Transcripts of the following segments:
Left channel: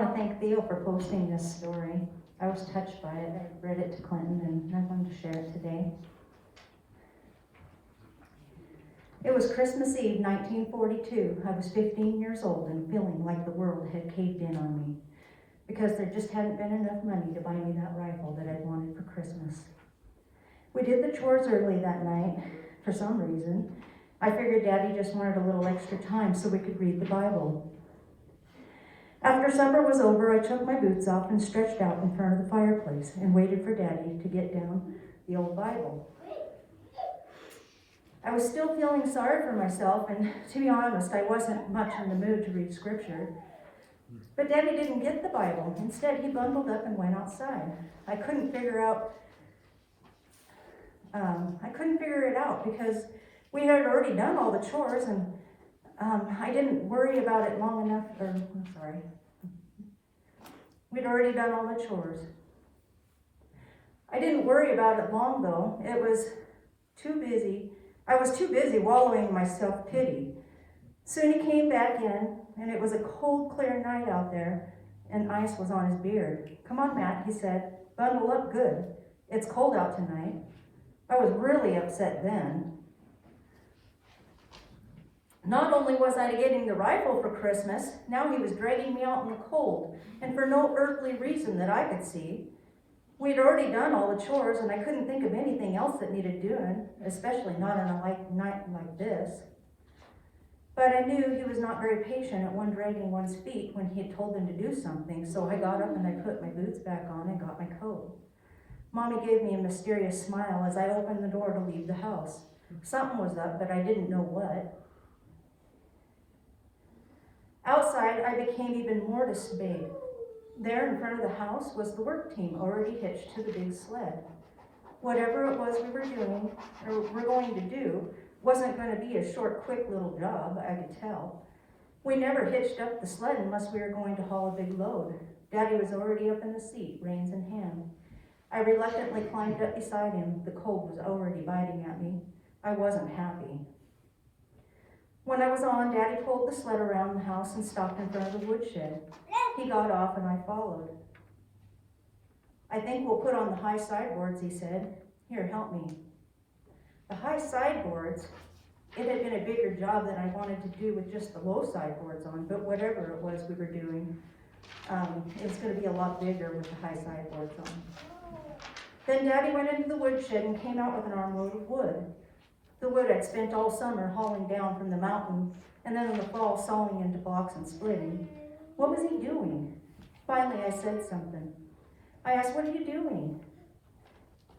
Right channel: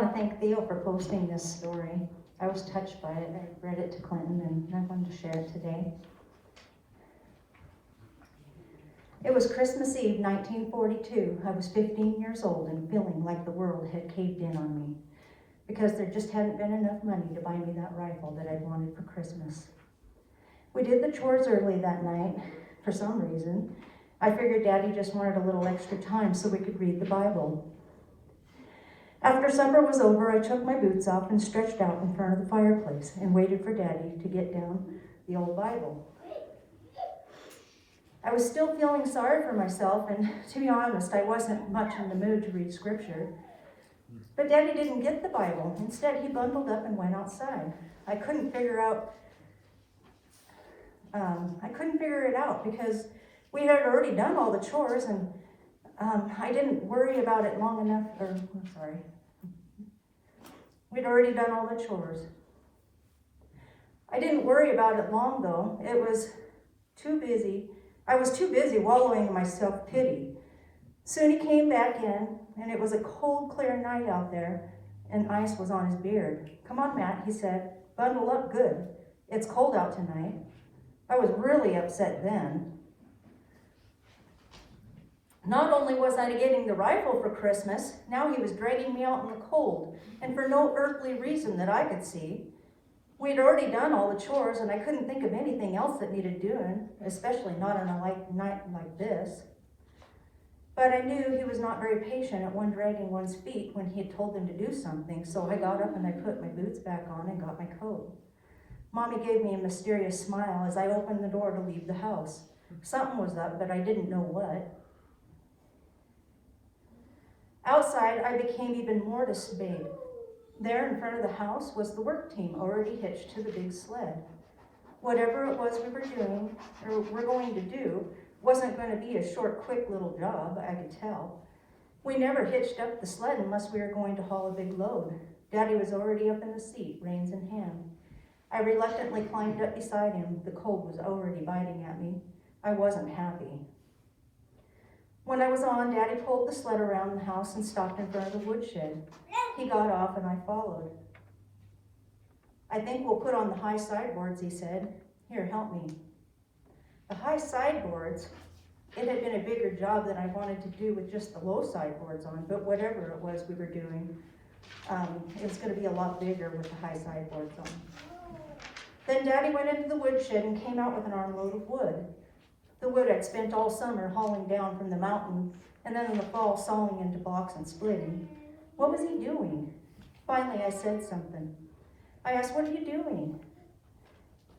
want to thank Theo for posting this story. I was touched by it. I read it to Clinton and I wanted to share it today. It was Christmas Eve, 1942. I was 15 years old and feeling like the world had caved in on me because there just hadn't been enough money to buy me that rifle that I'd wanted for Christmas. We did the chores early that night for some reason. I figured Daddy just wanted a little extra time so we could read the Bible. After supper was over, I took my boots off and stretched out in front of the fireplace and waited for Daddy to get down the old Bible. I was still feeling sorry for myself, and to be honest, I wasn't much in the mood to read scripture. But Daddy didn't get the Bible. Instead, he bundled up and went outside. I couldn't figure it out because we had already done all the chores, and I didn't worry about it long enough, we'd already done all the chores. I didn't worry about it long though. I was too busy wallowing in my self-pity. Soon he came back in, and it was a cold, clear night out there, and ice was on his beard. "Come on, Matt," he said. "Bundle up good. It's cold out tonight." I was really upset then. Not only was I getting the rifle for Christmas, now he was dragging me out in the cold, and for no earthly reason that I could see. We'd already done all the chores, and I couldn't think of anything else that needed doing, especially not on a night like this. But I knew he was not very patient at one dragging one's feet when he had told them to do something, so I got up and I put my boots back on and got my coat. Mommy gave me a mysterious smile as I opened the door to leave the house. Something was up, but I didn't know what. Outside, I became even more dismayed. There in front of the house was the work team already hitched to the big sled. Whatever it was we were doing, or were going to do, wasn't going to be a short, quick little job, I could tell. We never hitched up the sled unless we were going to haul a big load. Daddy was already up in the seat, reins in hand. I reluctantly climbed up beside him. The cold was already biting at me. I wasn't happy. When I was on, Daddy pulled the sled around the house and stopped in front of the woodshed. He got off and I followed. "I think we'll put on the high sideboards," he said. "Here, help me." The high sideboards, it had been a bigger job than I wanted to do with just the low sideboards on, but whatever it was we were doing, it was going to be a lot bigger with the high sideboards on. Then Daddy went into the woodshed and came out with an armload of wood. The wood I'd spent all summer hauling down from the mountain, and then in the fall sawing into blocks and splitting. What was he doing? Finally, I said something. I asked, "What are you doing?"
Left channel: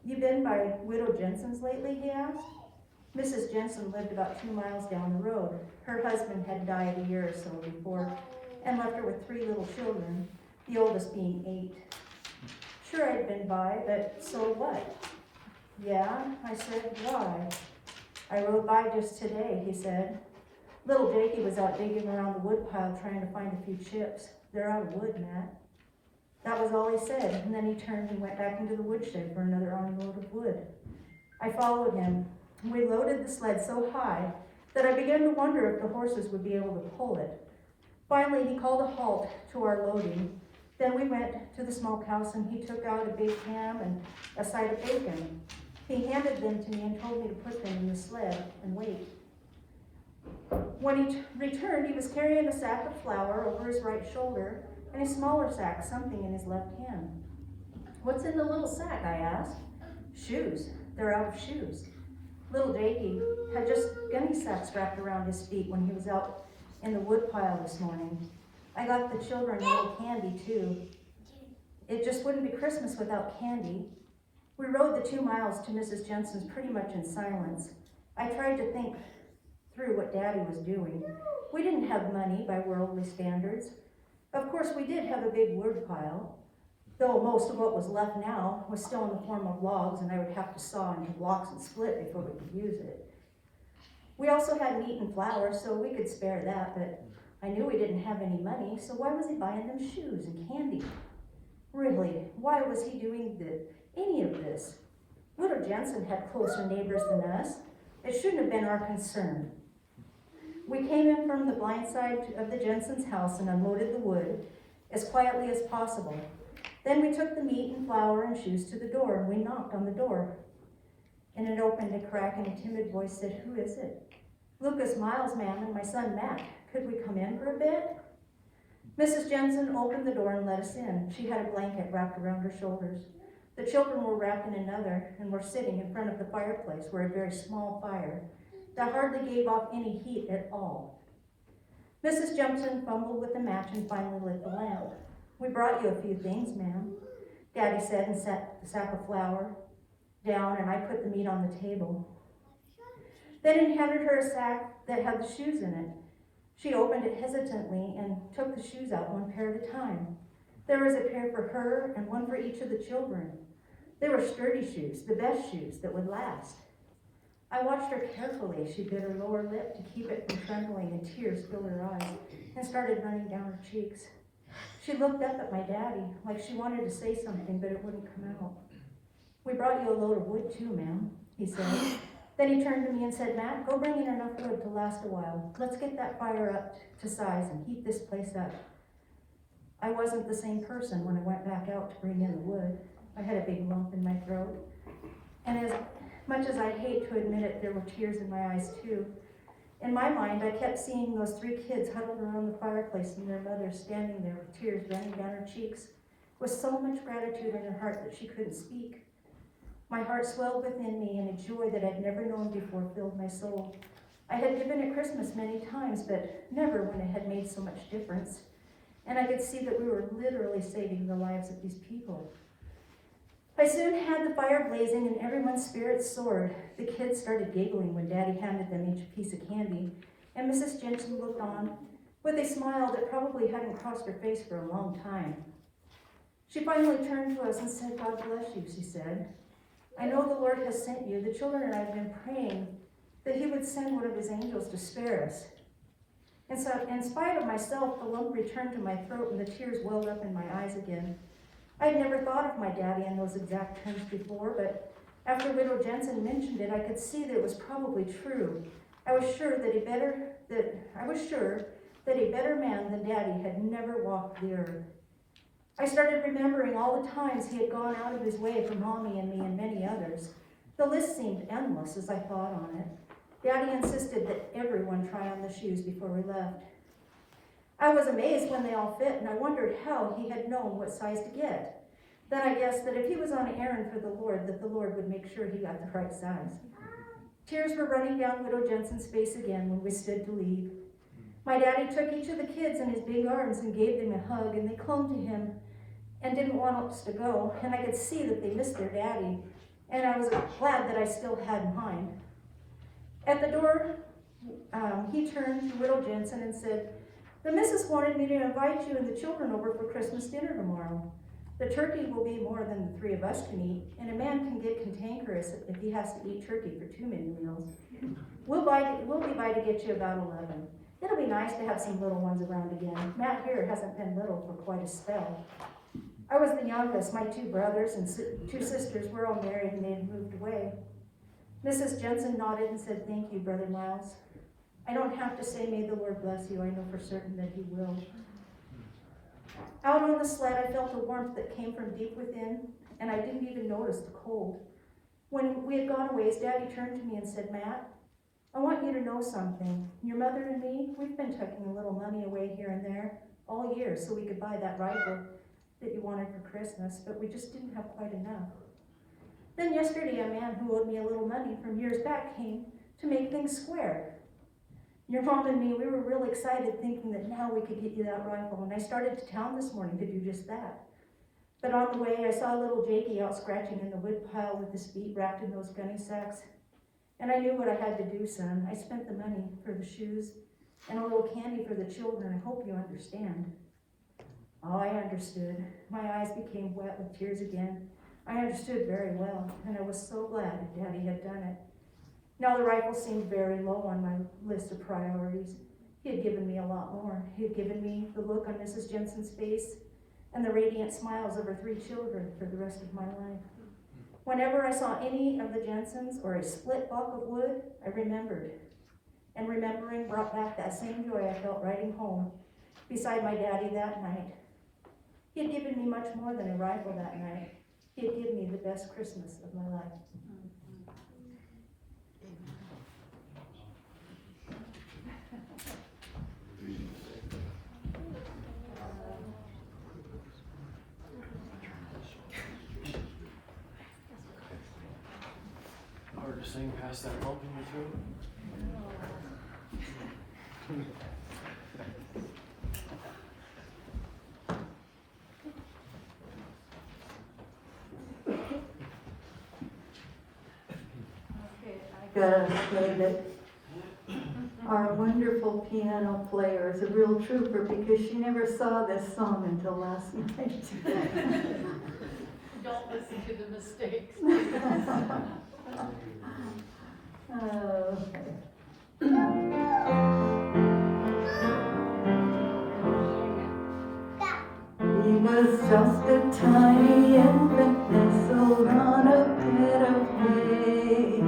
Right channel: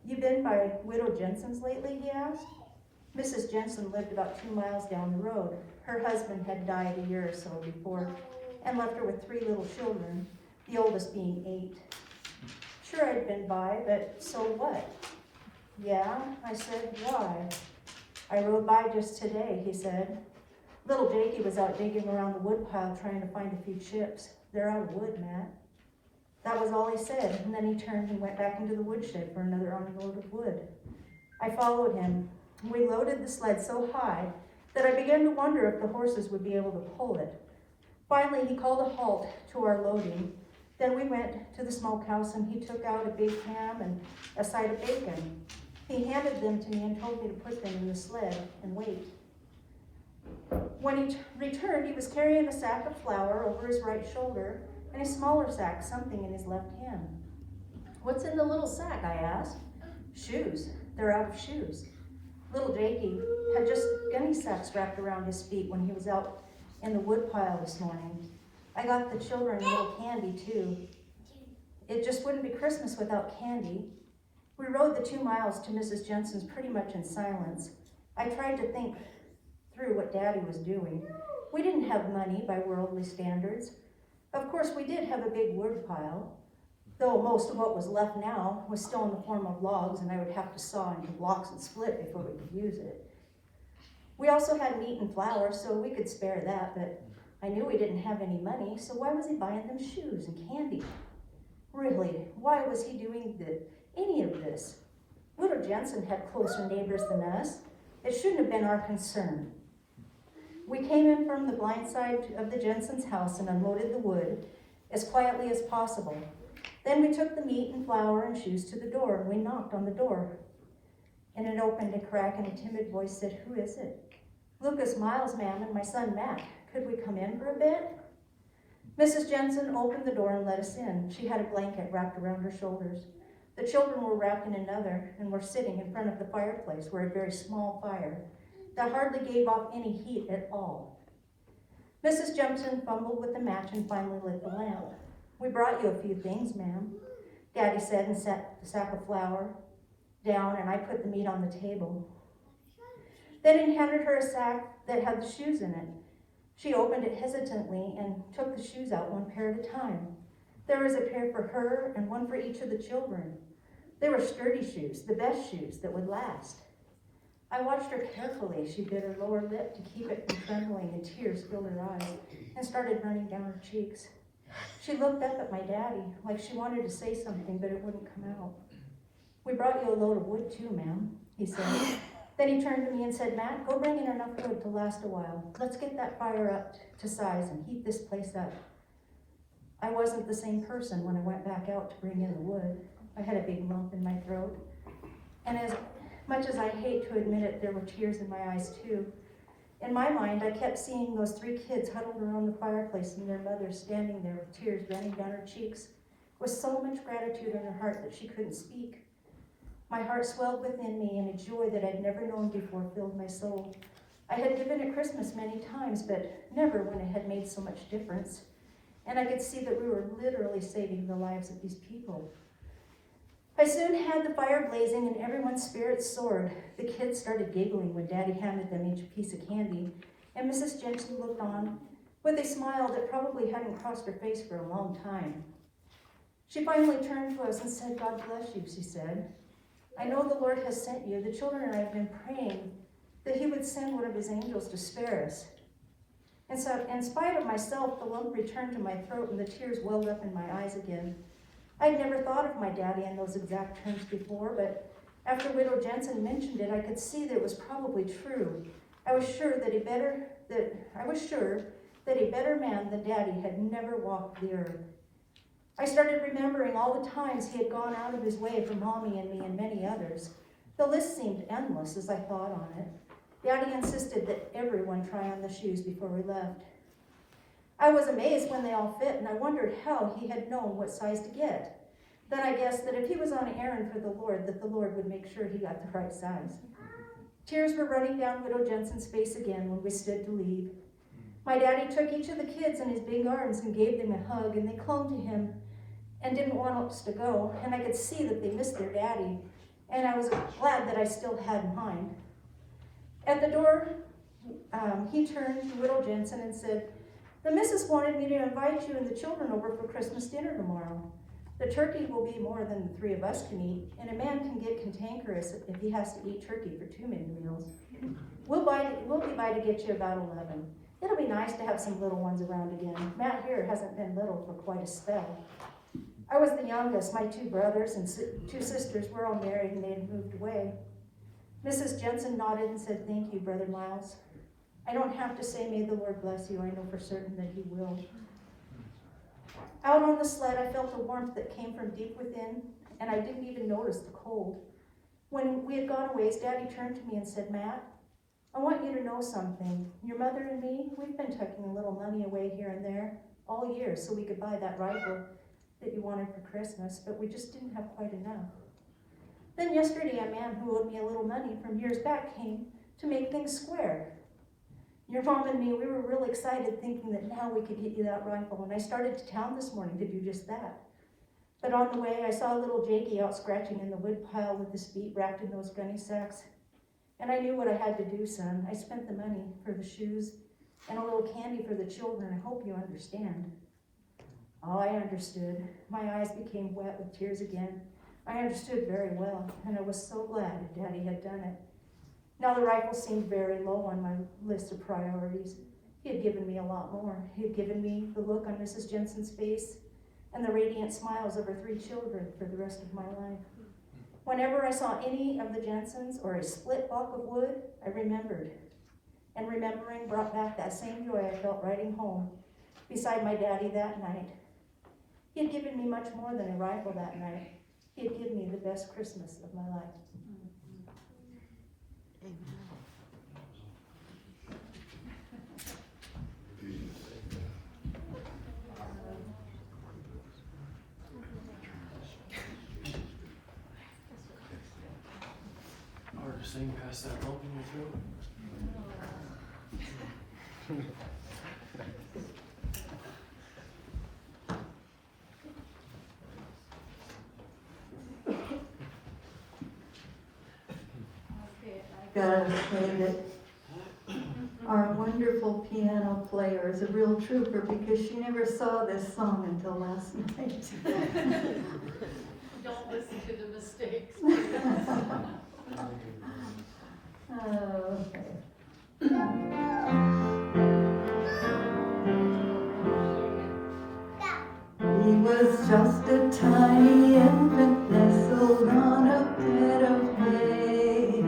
"You been by Widow Jensen's lately?" he asked. Mrs. Jensen lived about 2 miles down the road. Her husband had died a year or so before and left her with 3 little children, the oldest being 8. "Sure, I'd been by, but so what?" "Yeah," I said. "Why?" "I rode by just today," he said. "Little Jakey was out digging around the woodpile trying to find a few chips. They're out of wood, Matt." That was all he said, and then he turned and went back into the woodshed for another armload of wood. I followed him. We loaded the sled so high that I began to wonder if the horses would be able to pull it. Finally, he called a halt to our loading. Then we went to the smokehouse and he took out a big ham and a side of bacon. He handed them to me and told me to put them in the sled and wait. When he returned, he was carrying a sack of flour over his right shoulder and a smaller sack, something in his left hand. "What's in the little sack?" I asked. "Shoes. They're out of shoes." Little Jakey had just gunny sacks wrapped around his feet when he was out in the woodpile this morning. I got the children a little candy too. It just wouldn't be Christmas without candy. We rode the 2 miles to Mrs. Jensen's pretty much in silence. I tried to think through what Daddy was doing. We didn't have money by worldly standards. Of course, we did have a big wood pile, though most of what was left now was still in the form of logs, and I would have to saw into blocks and split before we could use it. We also had meat and flour, so we could spare that, but I knew we didn't have any money, so why was he buying them shoes and candy? Really, why was he doing any of this? Widow Jensen had closer neighbors than us. It shouldn't have been our concern. We came in from the blind side of the Jensen's house and unloaded the wood. as quietly as possible. Then we took the meat and flour and shoes to the door, and we knocked on the door. And it opened a crack, and a timid voice said, "Who is it?" "Lucas Miles, ma'am, and my son Matt. Could we come in for a bit?" Mrs. Jensen opened the door and let us in. She had a blanket wrapped around her shoulders. The children were wrapped in another and were sitting in front of the fireplace where a very small fire that hardly gave off any heat at all. Mrs. Jensen fumbled with the match and finally lit the lamp. "We brought you a few things, ma'am," Daddy said, and set the sack of flour down, and I put the meat on the table. Then he handed her a sack that had the shoes in it. She opened it hesitantly and took the shoes out one pair at a time. There was a pair for her and one for each of the children. They were sturdy shoes, the best shoes that would last. I watched her carefully. She bit her lower lip to keep it from trembling, and tears filled her eyes and started running down her cheeks. She looked up at my daddy like she wanted to say something, but it wouldn't come out. "We brought you a load of wood too, ma'am," he said. Then he turned to me and said, "Matt, go bring in enough wood to last a while. Let's get that fire up to size and heat this place up." I wasn't the same person when I went back out to bring in the wood. I had a big lump in my throat. And as much as I hate to admit it, there were tears in my eyes too. In my mind, I kept seeing those 3 kids huddled around the fireplace and their mother standing there with tears running down her cheeks, with so much gratitude in her heart that she couldn't speak. My heart swelled within me, and a joy that I'd never known before filled my soul. I had given at Christmas many times, but never when it had made so much difference. And I could see that we were literally saving the lives of these people. I soon had the fire blazing and everyone's spirits soared. The kids started giggling when Daddy handed them each a piece of candy, and Mrs. Jensen looked on with a smile that probably hadn't crossed her face for a long time. She finally turned to us and said, "God bless you," she said. "I know the Lord has sent you. The children and I have been praying that he would send one of his angels to spare us." And so, in spite of myself, the lump returned to my throat and the tears welled up in my eyes again. I'd never thought of my daddy in those exact terms before, but after Widow Jensen mentioned it, I could see that it was probably true. I was sure that a better man than Daddy had never walked the earth. I started remembering all the times he had gone out of his way for Mommy and me and many others. The list seemed endless as I thought on it. Daddy insisted that everyone try on the shoes before we left. I was amazed when they all fit, and I wondered how he had known what size to get. Then I guessed that if he was on an errand for the Lord, that the Lord would make sure he got the right size. Tears were running down Widow Jensen's face again when we stood to leave. My daddy took each of the kids in his big arms and gave them a hug, and they clung to him and didn't want us to go, and I could see that they missed their daddy, and I was glad that I still had mine. At the door, he turned to Widow Jensen and said, "The missus wanted me to invite you and the children over for Christmas dinner tomorrow. The turkey will be more than the 3 of us can eat, and a man can get cantankerous if he has to eat turkey for too many meals. We'll be by to get you about 11. It'll be nice to have some little ones around again. Matt here hasn't been little for quite a spell." I was the youngest. My 2 brothers and 2 sisters were all married and they had moved away. Mrs. Jensen nodded and said, "Thank you, Brother Miles. I don't have to say, may the Lord bless you. I know for certain that he will." Out on the sled, I felt a warmth that came from deep within, and I didn't even notice the cold. When we had gone a ways, Daddy turned to me and said, "Matt, I want you to know something. Your mother and me, we've been tucking a little money away here and there all year so we could buy that rifle that you wanted for Christmas, but we just didn't have quite enough. Then yesterday, a man who owed me a little money from years back came to make things square. Your mom and me, we were real excited thinking that now we could get you that rifle, and I started to town this morning to do just that. But on the way, I saw a little Jakey out scratching in the wood pile with his feet wrapped in those gunny sacks, and I knew what I had to do, son. I spent the money for the shoes and a little candy for the children. I hope you understand." Oh, I understood. My eyes became wet with tears again. I understood very well, and I was so glad Daddy had done it. Now the rifle seemed very low on my list of priorities. He had given me a lot more. He had given me the look on Mrs. Jensen's face and the radiant smiles of her 3 children for the rest of my life. Whenever I saw any of the Jensens or a split block of wood, I remembered. And remembering brought back that same joy I felt riding home beside my daddy that night. He had given me much more than a rifle that night. He had given me the best Christmas of my life. Hard to sing past that lump in your throat. Gotta say that our wonderful piano player is a real trooper because she never saw this song until last night. Don't listen to the mistakes. Okay. He was just a tiny infant nestled on a bed of hay.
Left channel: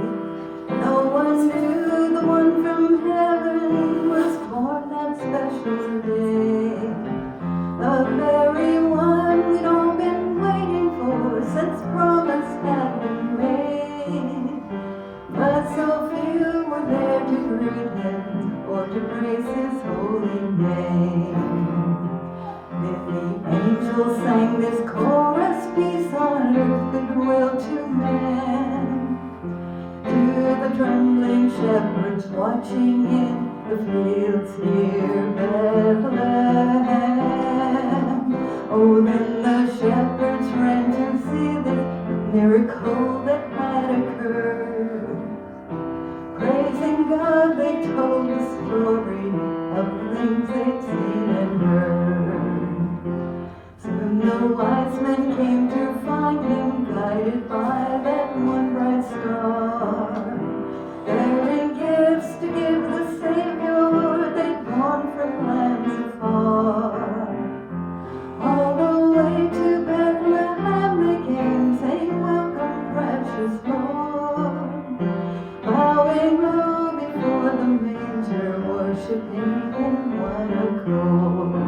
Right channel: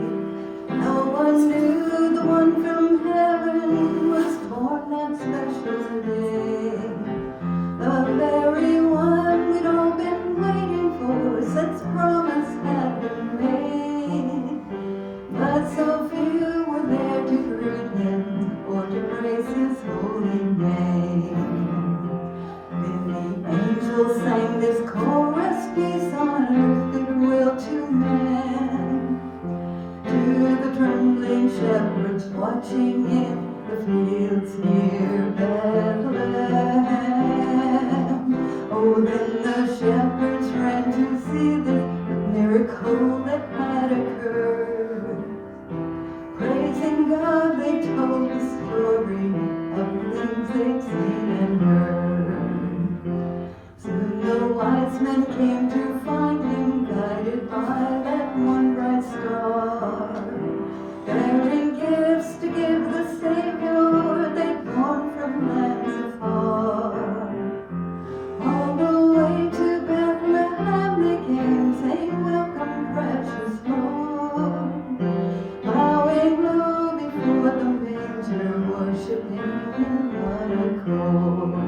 No one knew the one from heaven was born that special day. The very one we'd all been waiting for since promise had been made. But so few were there to greet him or to praise his holy name. Then the angels sang this chorus, peace on earth, goodwill to men. To the trembling shepherds watching in the fields near Bethlehem. Oh, then the shepherds ran to see this miracle that had occurred. Praising God, they told the story of things they'd seen and heard. Soon the wise men came to find him, guided by that one bright star, bearing gifts to give the Savior they'd born from lands afar. All the way to Bethlehem they came, saying, "Welcome, precious Lord." Bowing low before the manger, worshiping in one accord.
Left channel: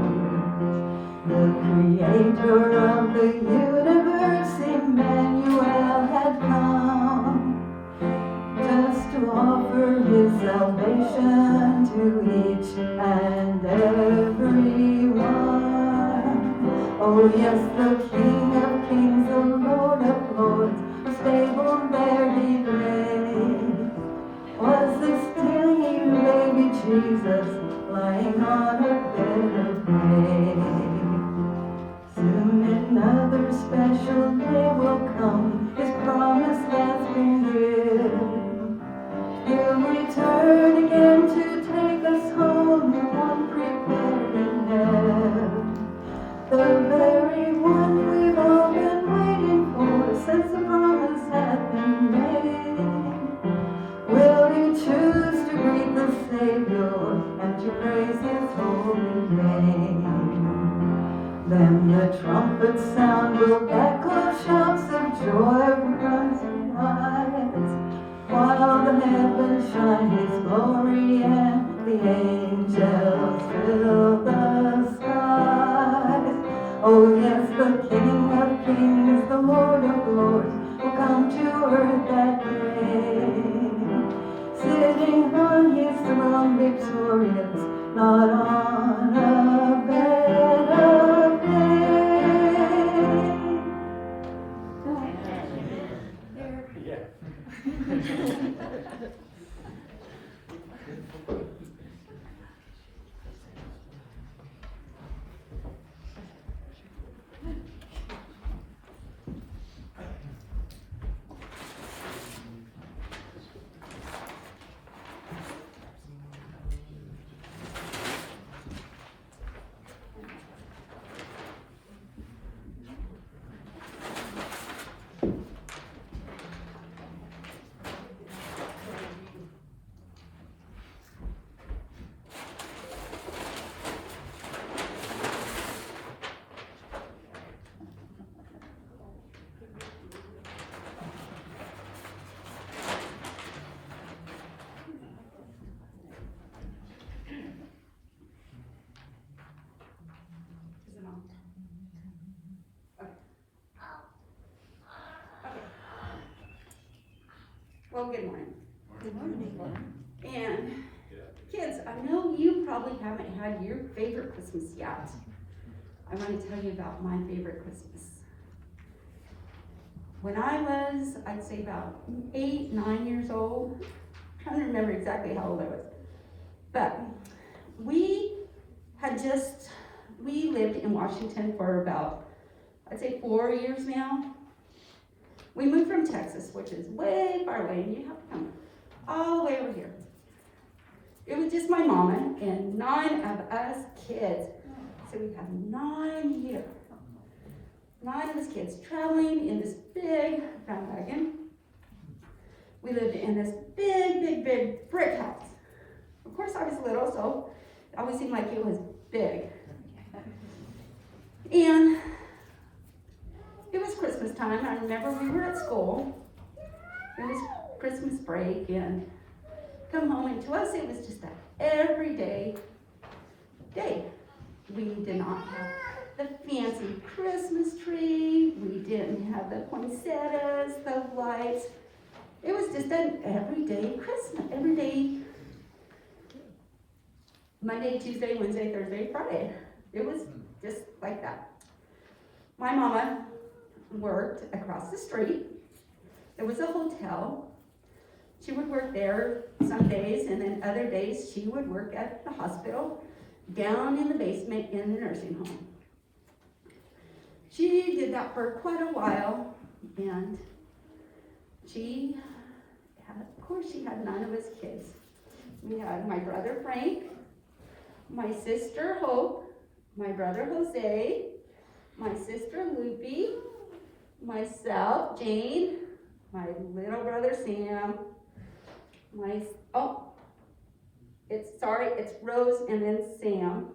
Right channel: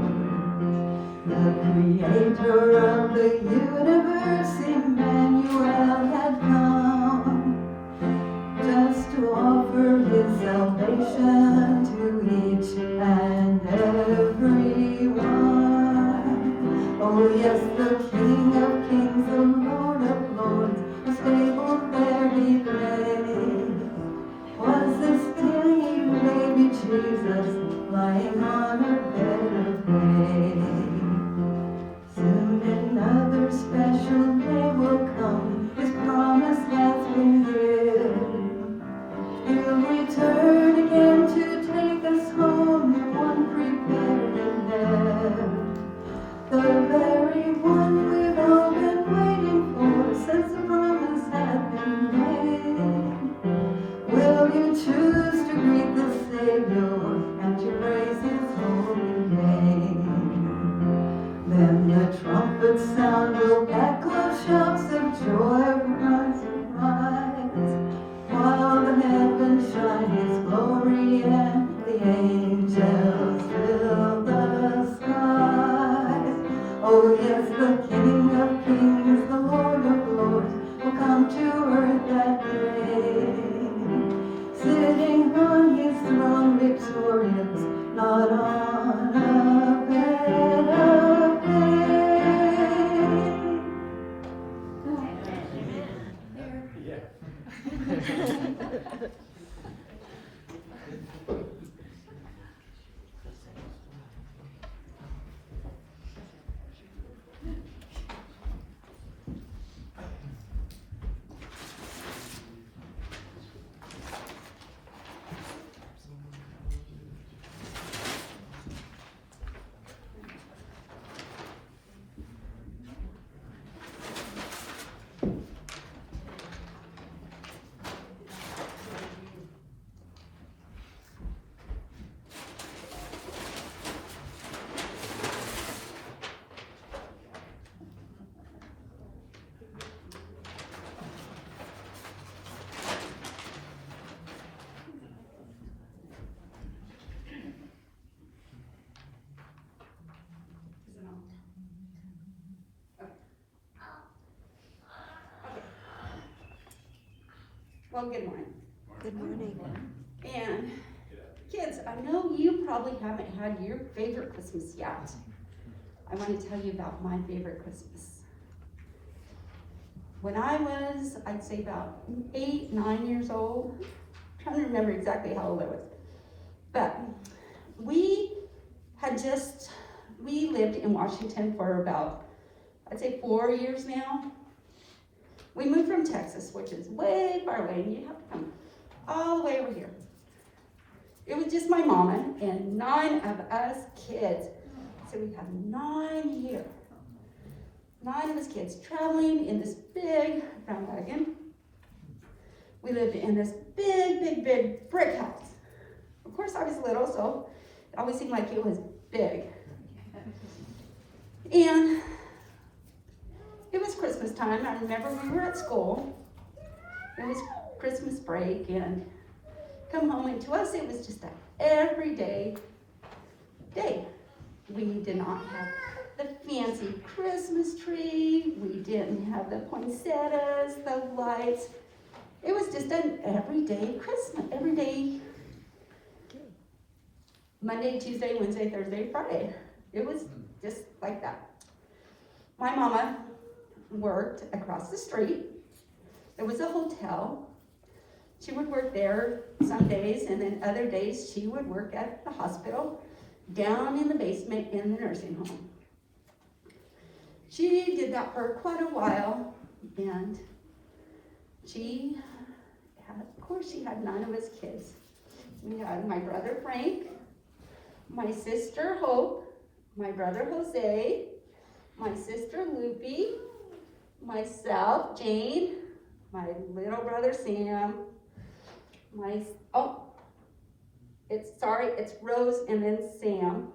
The Creator of the universe, Emmanuel, had come just to offer his salvation to each and every one. Oh yes, the King of Kings, the Lord of Lords, a stable there he lay. Was this tiny baby Jesus lying on a bed of hay? Soon another special day will come, his promise has been given. He'll return again to take us home, the one prepared in heaven. The very one we've all been waiting for since the promise had been made. Will you choose to greet the Savior and to praise his holy name? Well, good morning. And kids, I know you probably haven't had your favorite Christmas yet. I want to tell you about my favorite Christmas. When I was, I'd say about 8, 9 years old, I'm trying to remember exactly how old I was, but we lived in Washington for about, I'd say 4 years now. We moved from Texas, which is way far away, and you have to come all the way over here. It was just my mama and 9 of us kids. So we have 9 here. 9 of us kids traveling in this big brown wagon. We lived in this big brick house. Of course I was little, so it always seemed like it was big. And it was Christmas time. I remember we were at school. It was Christmas break and come home, and to us it was just an everyday day. We did not have the fancy Christmas tree. We didn't have the poinsettias, the lights. It was just an everyday Christmas, everyday Monday, Tuesday, Wednesday, Thursday, Friday. It was just like that. My mama worked across the street. There was a hotel. She would work there some days, and then other days she would work at the hospital down in the basement in the nursing home. She did that for quite a while, and of course she had 9 of us kids. We had my brother Frank, my sister Hope, my brother Jose, my sister Lupe, myself, Jane, my little brother Sam, it's Rose and then Sam,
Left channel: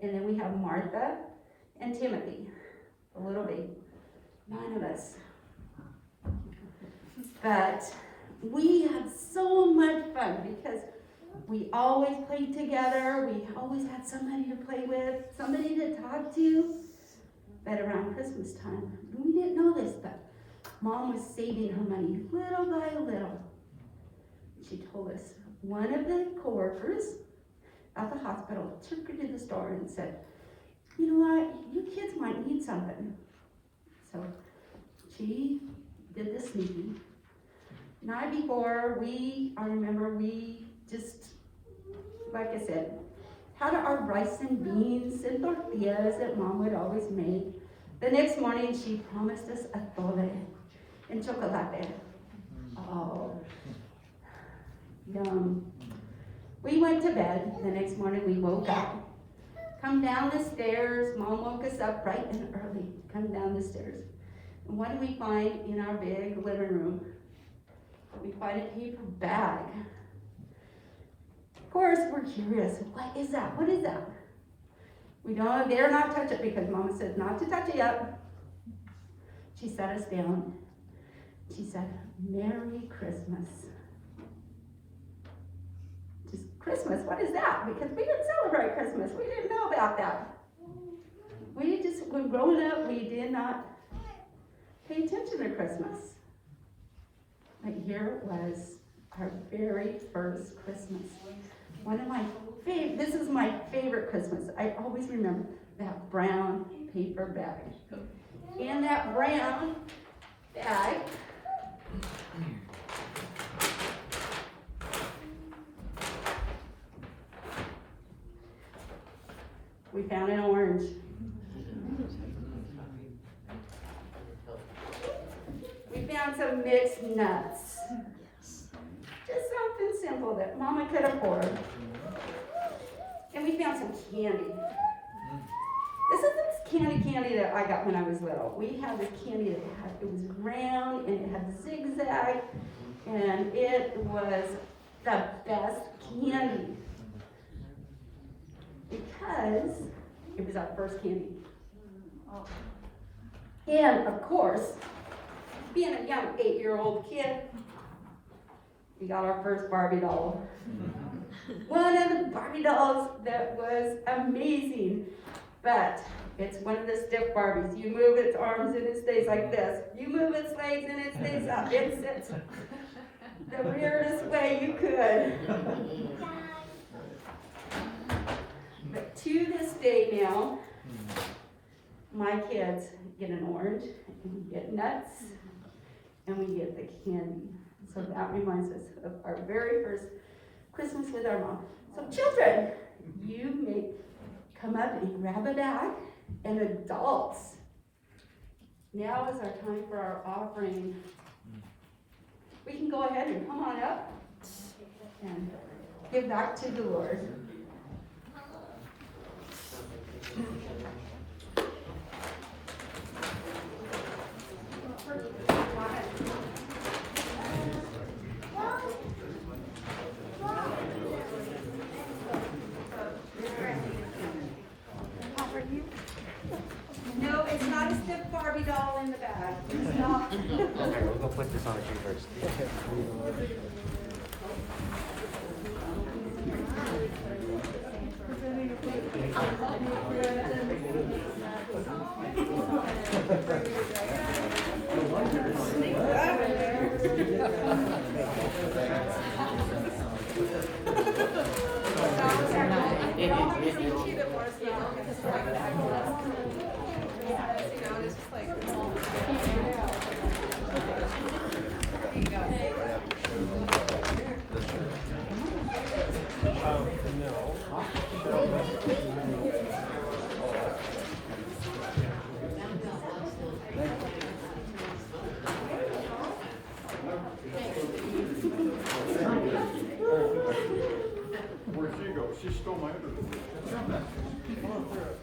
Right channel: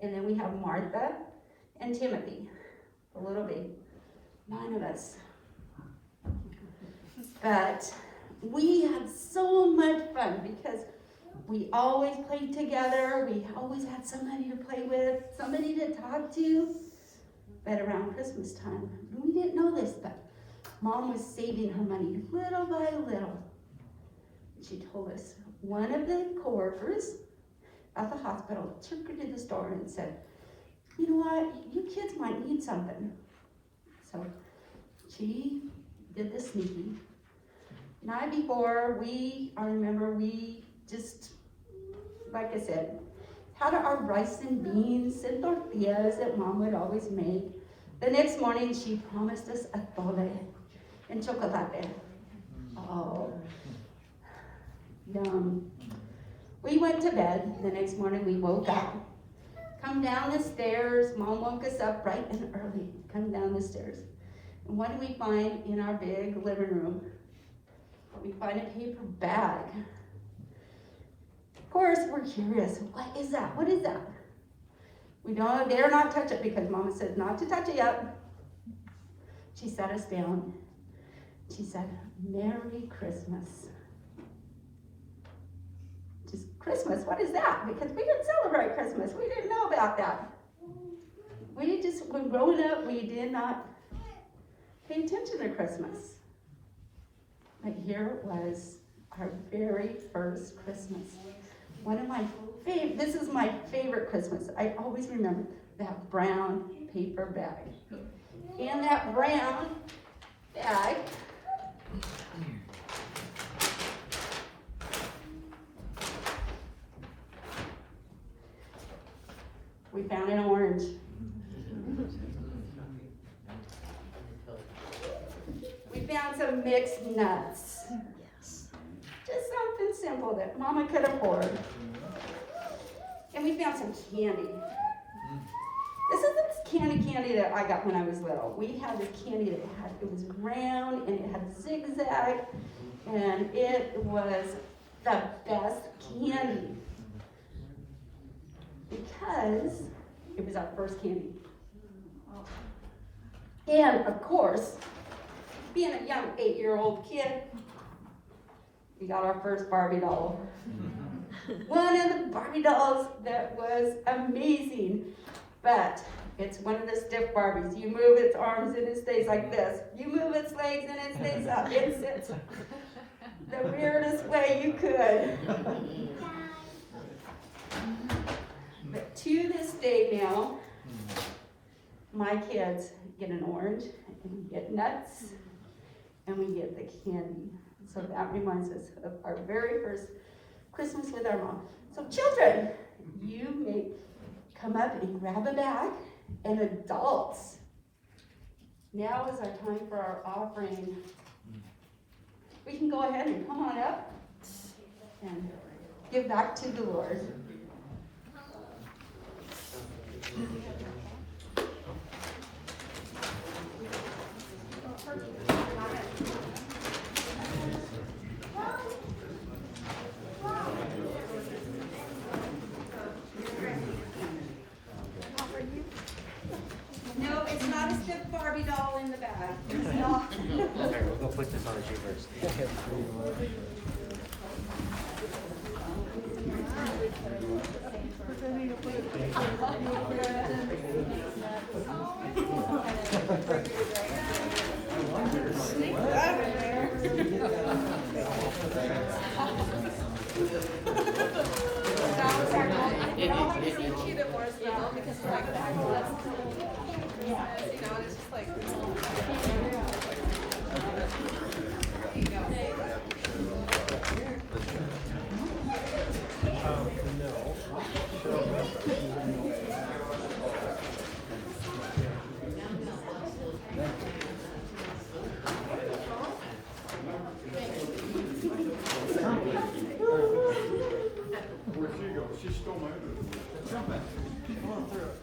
and then we have Martha and Timothy, the little baby. 9 of us. But we had so much fun because we always played together. We always had somebody to play with, somebody to talk to. But around Christmas time, we didn't know this, but Mom was saving her money little by little. She told us one of the coworkers at the hospital took her to the store and said, you know what, you kids might need something. So she did the sneaking. Night before, I remember we just, like I said, had our rice and beans and tortillas that Mom would always make. The next morning, she promised us atole and chocolate. Oh, yum. We went to bed. The next morning, we woke up. Come down the stairs. Mom woke us up bright and early. Come down the stairs. And what do we find in our big living room? We find a paper bag. Of course, we're curious. What is that? What is that? We don't dare not touch it because Mama said not to touch it yet. She sat us down. She said, Merry Christmas. Just Christmas, what is that? Because we didn't celebrate Christmas. We didn't know about that. When growing up, we did not pay attention to Christmas. But here it was, our very first Christmas. This is my favorite Christmas. I always remember that brown paper bag. In that brown bag, we found an orange. We found some mixed nuts. Just something simple that Mama could afford. And we found some candy. This is this candy that I got when I was little. We had this candy that it was round and it had zigzag, and it was the best candy because it was our first candy. And of course, being a young 8-year-old kid, we got our first Barbie doll. One of the Barbie dolls that was amazing, but it's one of the stiff Barbies. You move its arms and it stays like this. You move its legs and it stays up. It sits. the weirdest way you could. But to this day now, my kids get an orange, and we get nuts, and we get the candy. So that reminds us of our very first Christmas with our mom. So children, you may come up and grab a bag, and adults, now is our time for our offering. We can go ahead and come on up and give back to the Lord. No, it's not a stiff Barbie doll in the bag. It's not. Okay, we'll go put this on the shoe first. Where'd she go? She stole my everything. Come on through.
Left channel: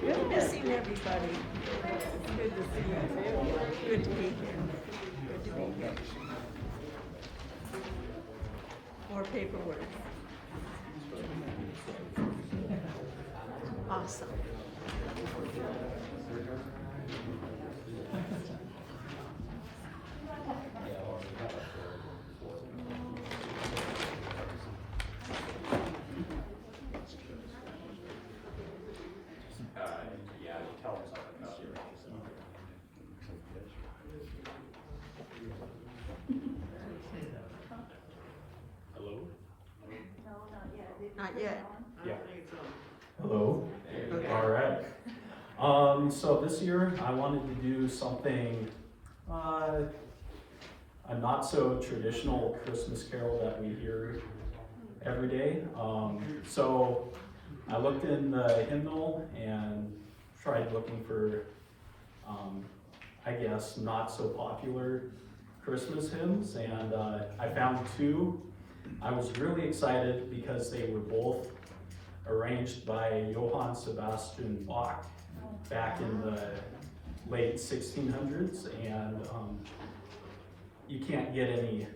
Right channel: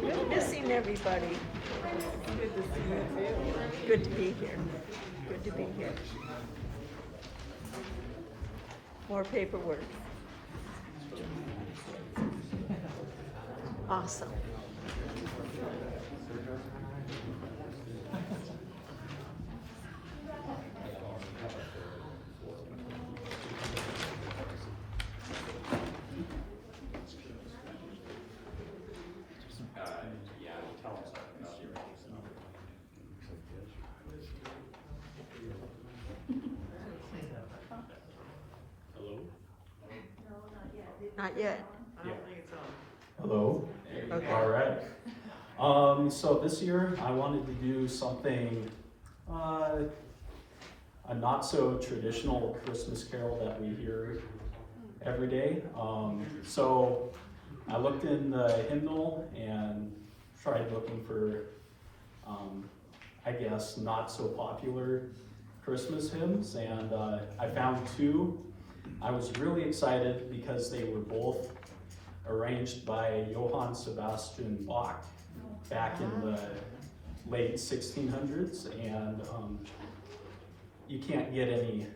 Good to see everybody. Good to see you. Good to be here. Good to be here. More paperwork. Awesome. Yeah, tell us about your Hello? Not yet. Yeah. Hello. All right. So this year I wanted to do something, a not so traditional Christmas carol that we hear every day. So I looked in the hymnal and tried looking for, I guess, not so popular Christmas hymns, and I found two. I was really excited because they were both arranged by Johann Sebastian Bach back in the late 1600s, and you can't get any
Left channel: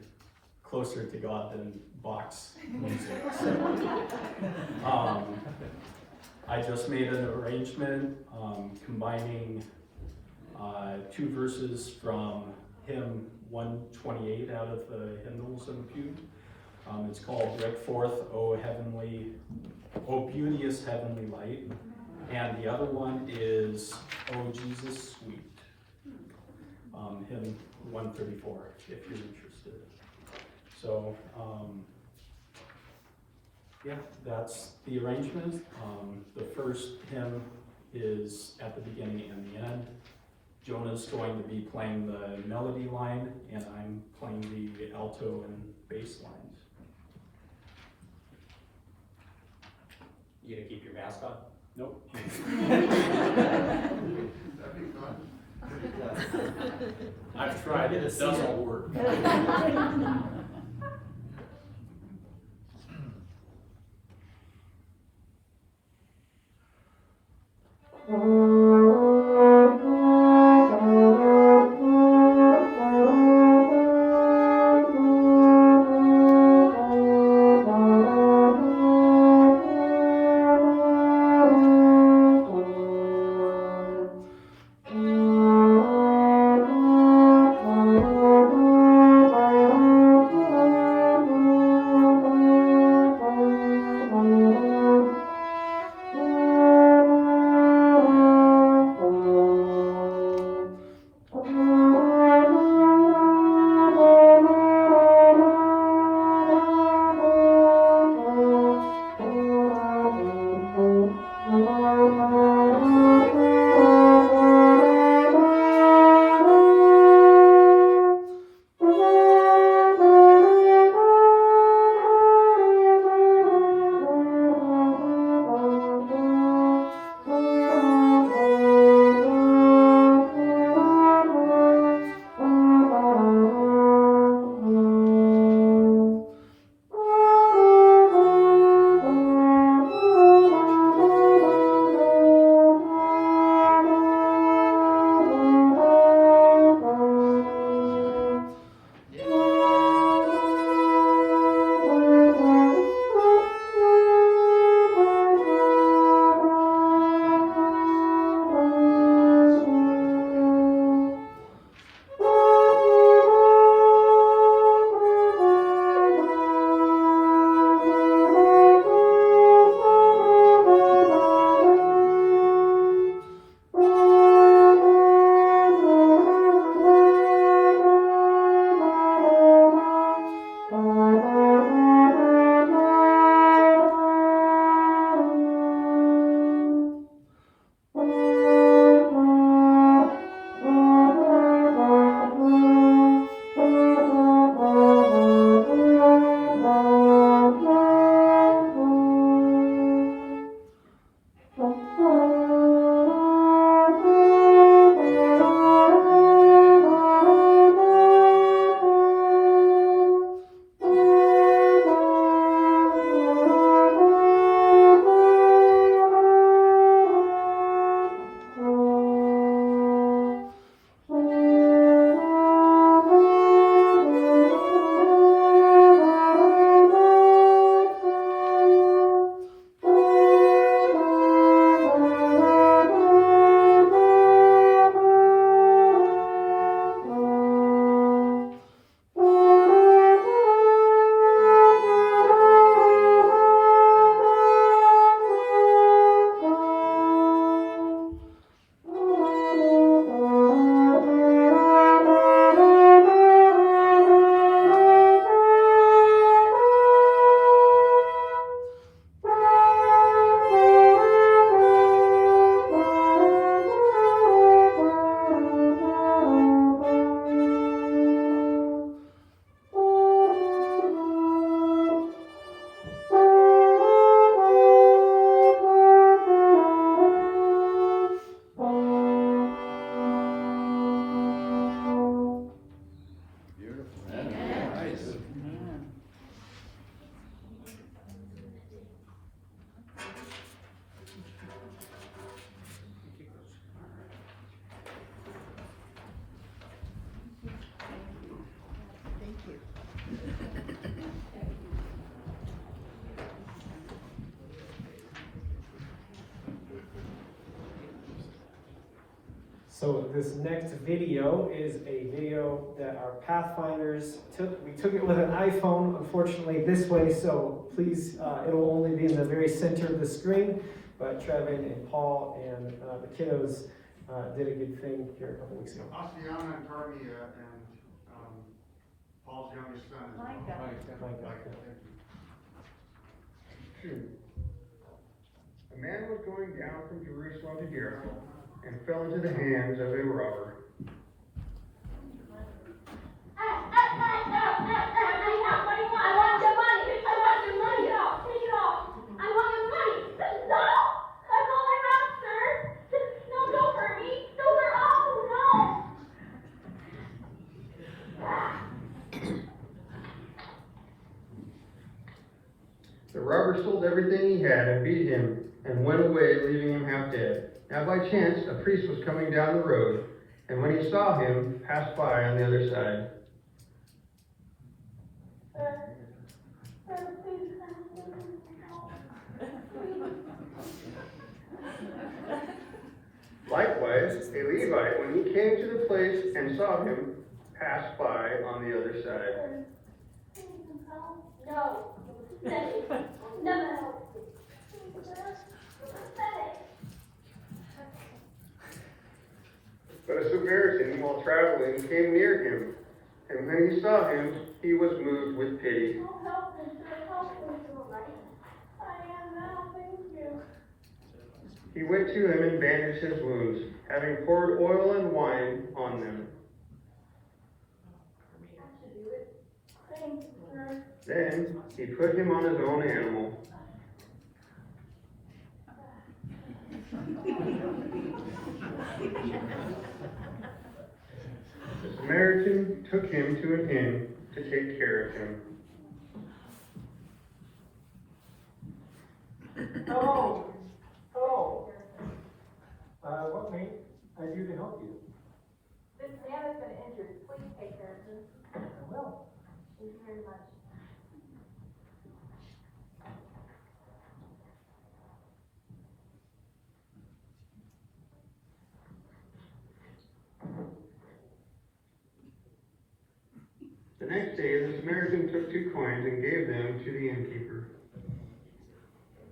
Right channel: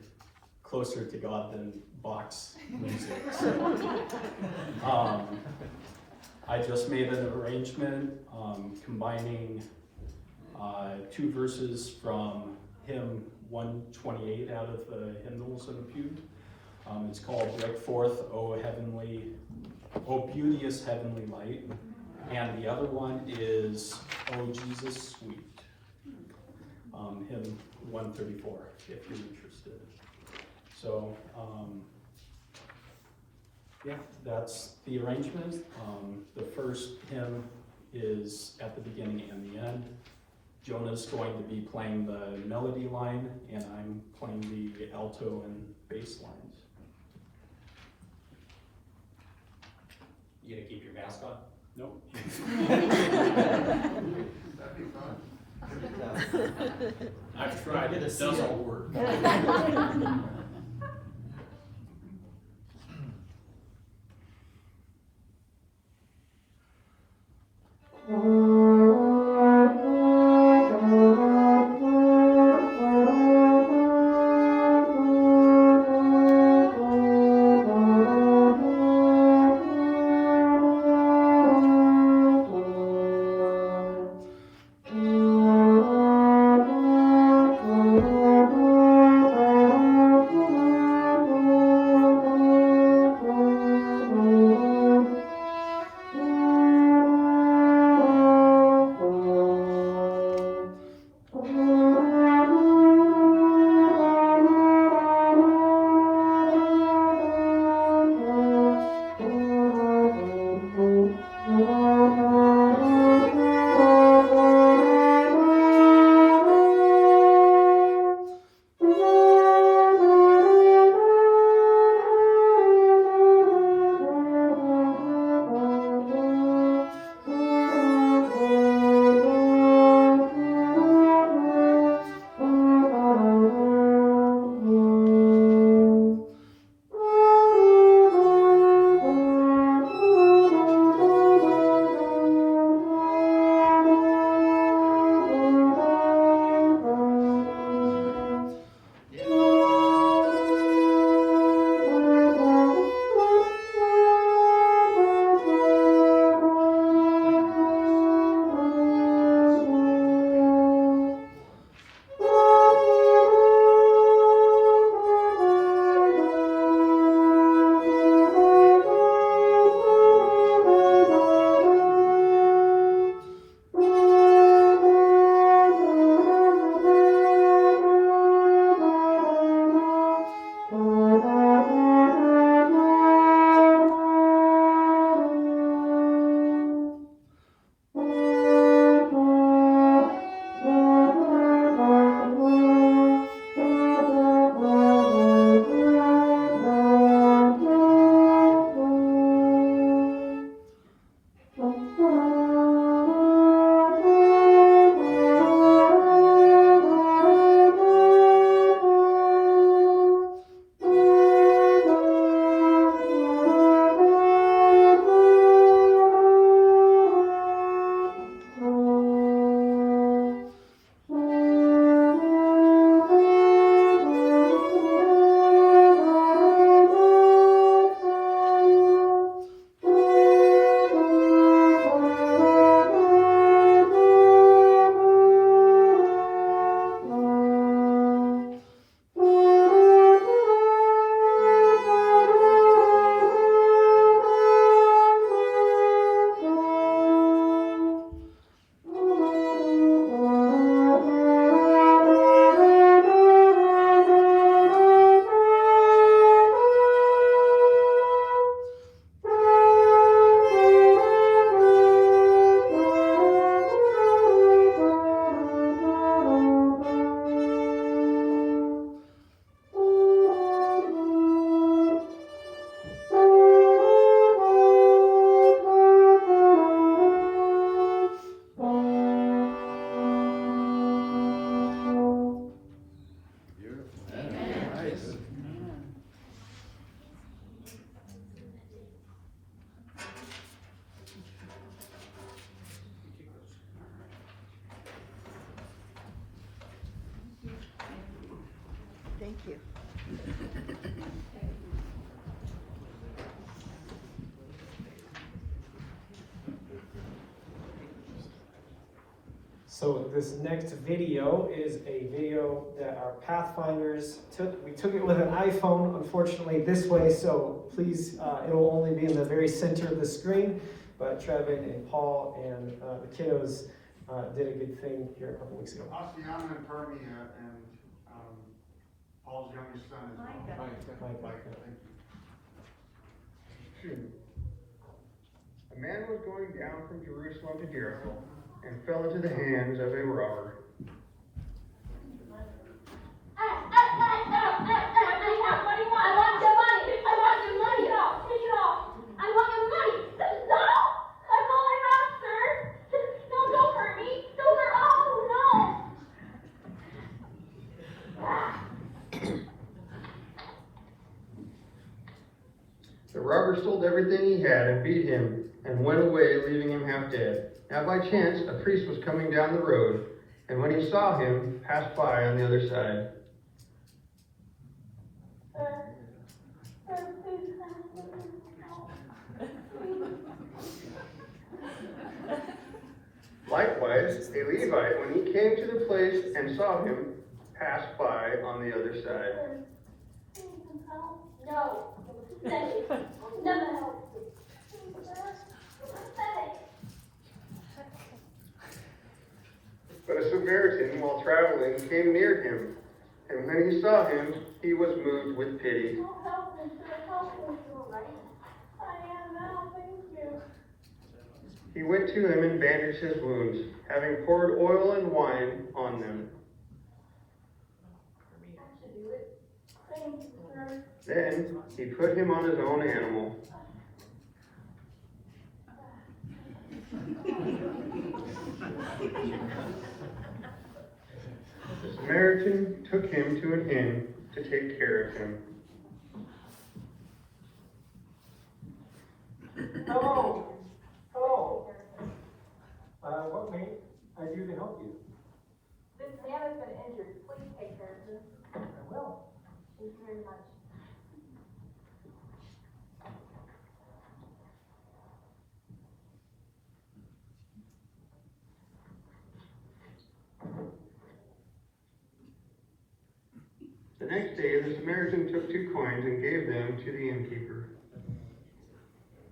closer to God than Bach's music. So, I just made an arrangement combining two verses from hymn 128 out of the hymnals in the pew. It's called "Break Forth, O Beauteous Heavenly Light," and the other one is "O Jesus Sweet," hymn 134, if you're interested. So, yeah, that's the arrangement. The first hymn is at the beginning and the end. Jonah's going to be playing the melody line, and I'm playing the alto and bass lines. You gonna keep your mask on? Nope. I've tried it, it doesn't work. So this next video is a video that our Pathfinders took. We took it with an iPhone, unfortunately this way, so please, it'll only be in the very center of the screen, but Trevin and Paul and the kiddos did a good thing here a couple weeks ago. Asiana and Carmi and Paul's youngest son is Mike. Thank you. A man was going down from Jerusalem to Jericho and fell into the hands of a robber. I want your money. I want your money. No! I want The robber sold everything he had and beat him and went away, leaving him half dead. Now by chance, a priest was coming down the road, and when he saw him, passed by on the other side. Likewise, a Levite, when he came to the place and saw him, passed by on the other side. No. No. But a Samaritan, while traveling, came near him, and when he saw him, he was moved with pity. Help me, I am now, thank you. He went to him and bandaged his wounds, having poured oil and wine on them. I should do it. Thank you, sir. Then he put him on his own animal. The Samaritan took him to an inn to take care of him. Hello. Hello. What may I do to help you? This man has been injured. Please take care of him. I will. Thank you very much. The next day, the Samaritan took 2 coins and gave them to the innkeeper.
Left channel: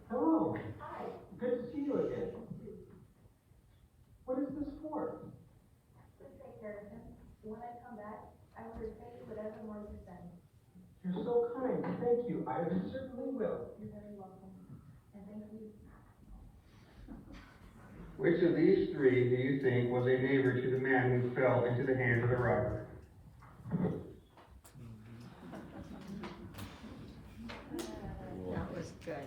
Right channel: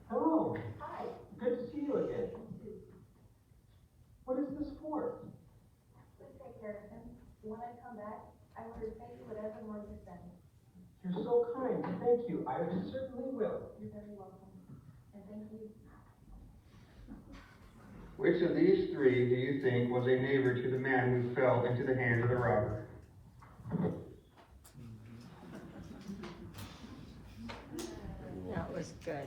Hello. Hi. Good to see you again. What is this for? Please take care of him. When I come back, I will repay you whatever more you send. You're so kind. Thank you. I certainly will. You're very welcome. And thank you. Which of these 3 do you think was a neighbor to the man who fell into the hands of the robber? That was good.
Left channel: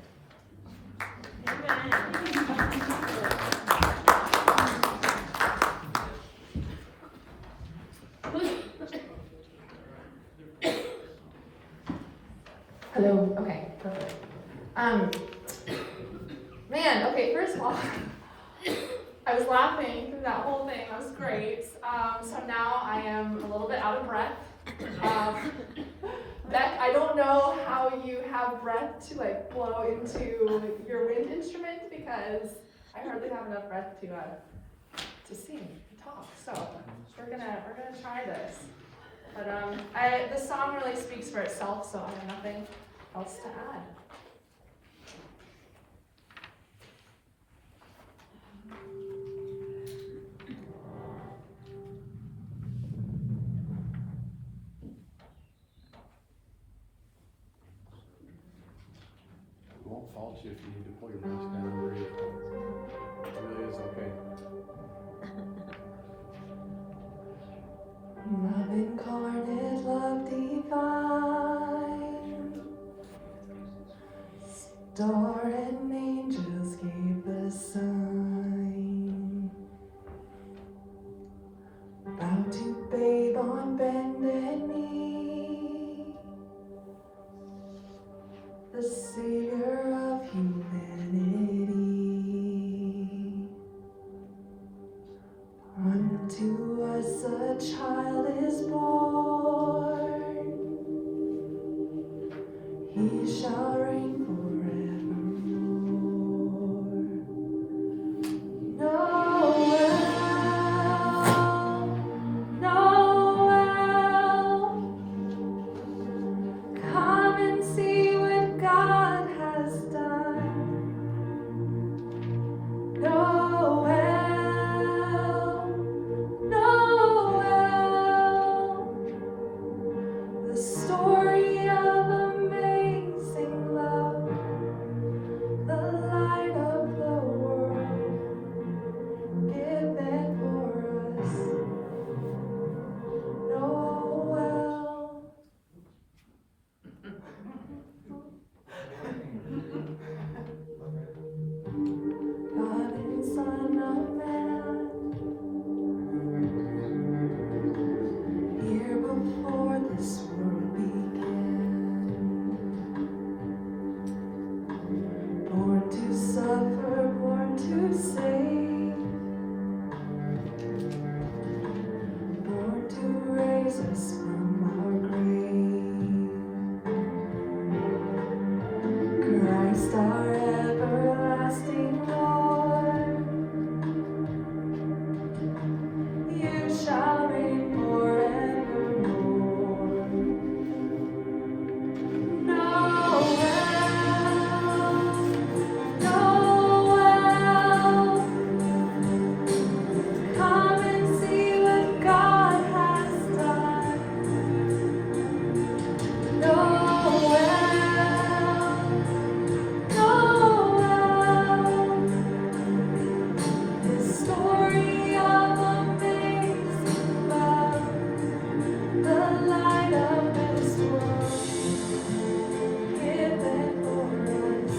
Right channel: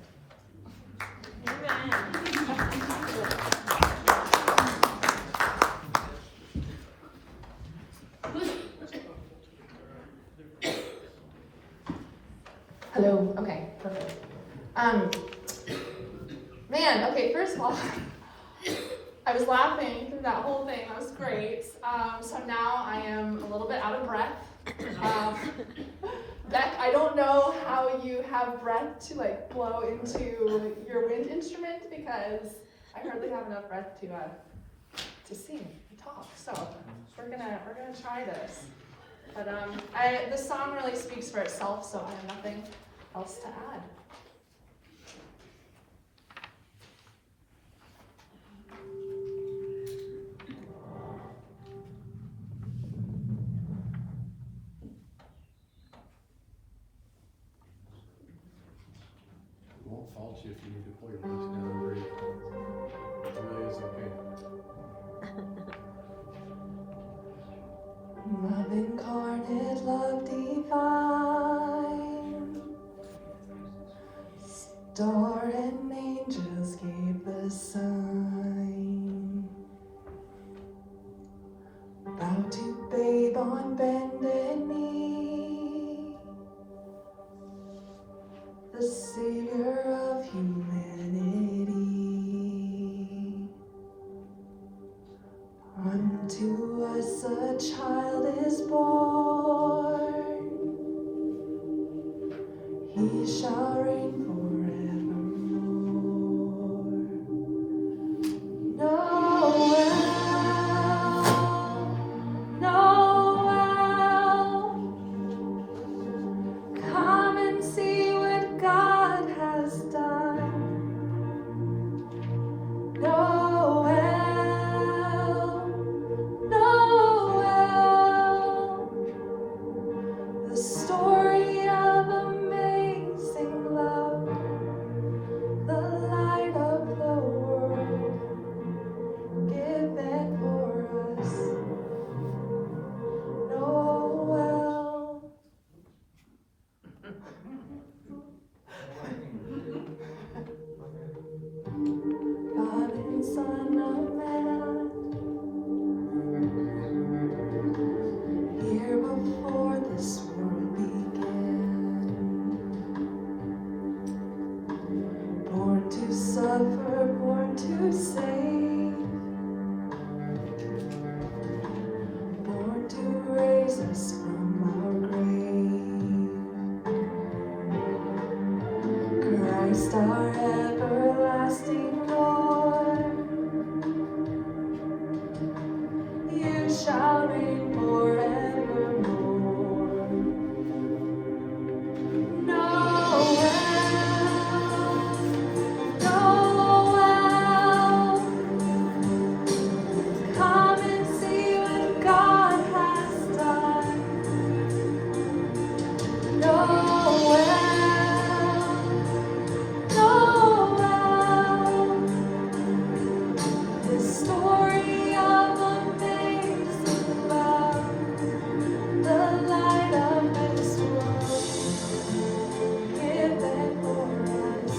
Hello, okay, perfect. Man, okay, first of all, I was laughing through that whole thing, that was great. So now I am a little bit out of breath. Beck, I don't know how you have breath to like blow into your wind instrument because I hardly have enough breath to sing and talk. So we're gonna try this. But the song really speaks for itself, so I have nothing else to add. It won't fault you if you need to pull your mask down or breathe. It really is okay. Love incarnate, love divine, star and angels gave the sign. Bow to babe on bended knee, the savior of humanity. Unto us a child is born, he shall reign forevermore. Noel, Noel, come and see what God has done. Noel, the story of amazing love, the light of the world, given for us. Noel. Christ our everlasting Lord, you shall reign forevermore. Noel, Noel, come and see what God has done. Noel, Noel, this story of amazing love, the light of this world, given for us.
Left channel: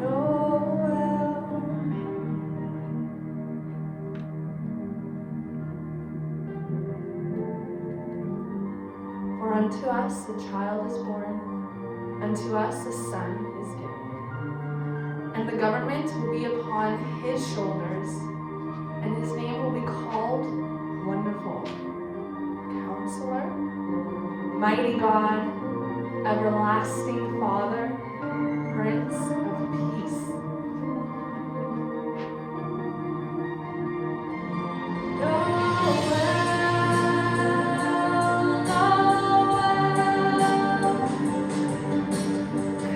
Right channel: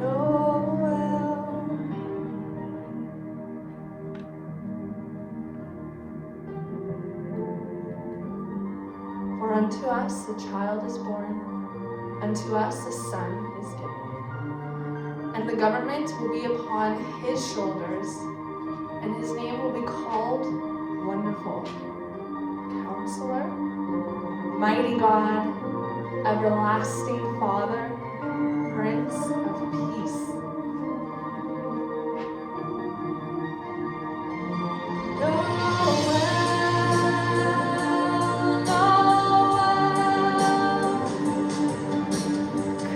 Noel. For unto us a child is born, unto us a son is given. And the government will be upon his shoulders, and his name will be called Wonderful, Counselor, Mighty God, Everlasting Father, Prince of Peace.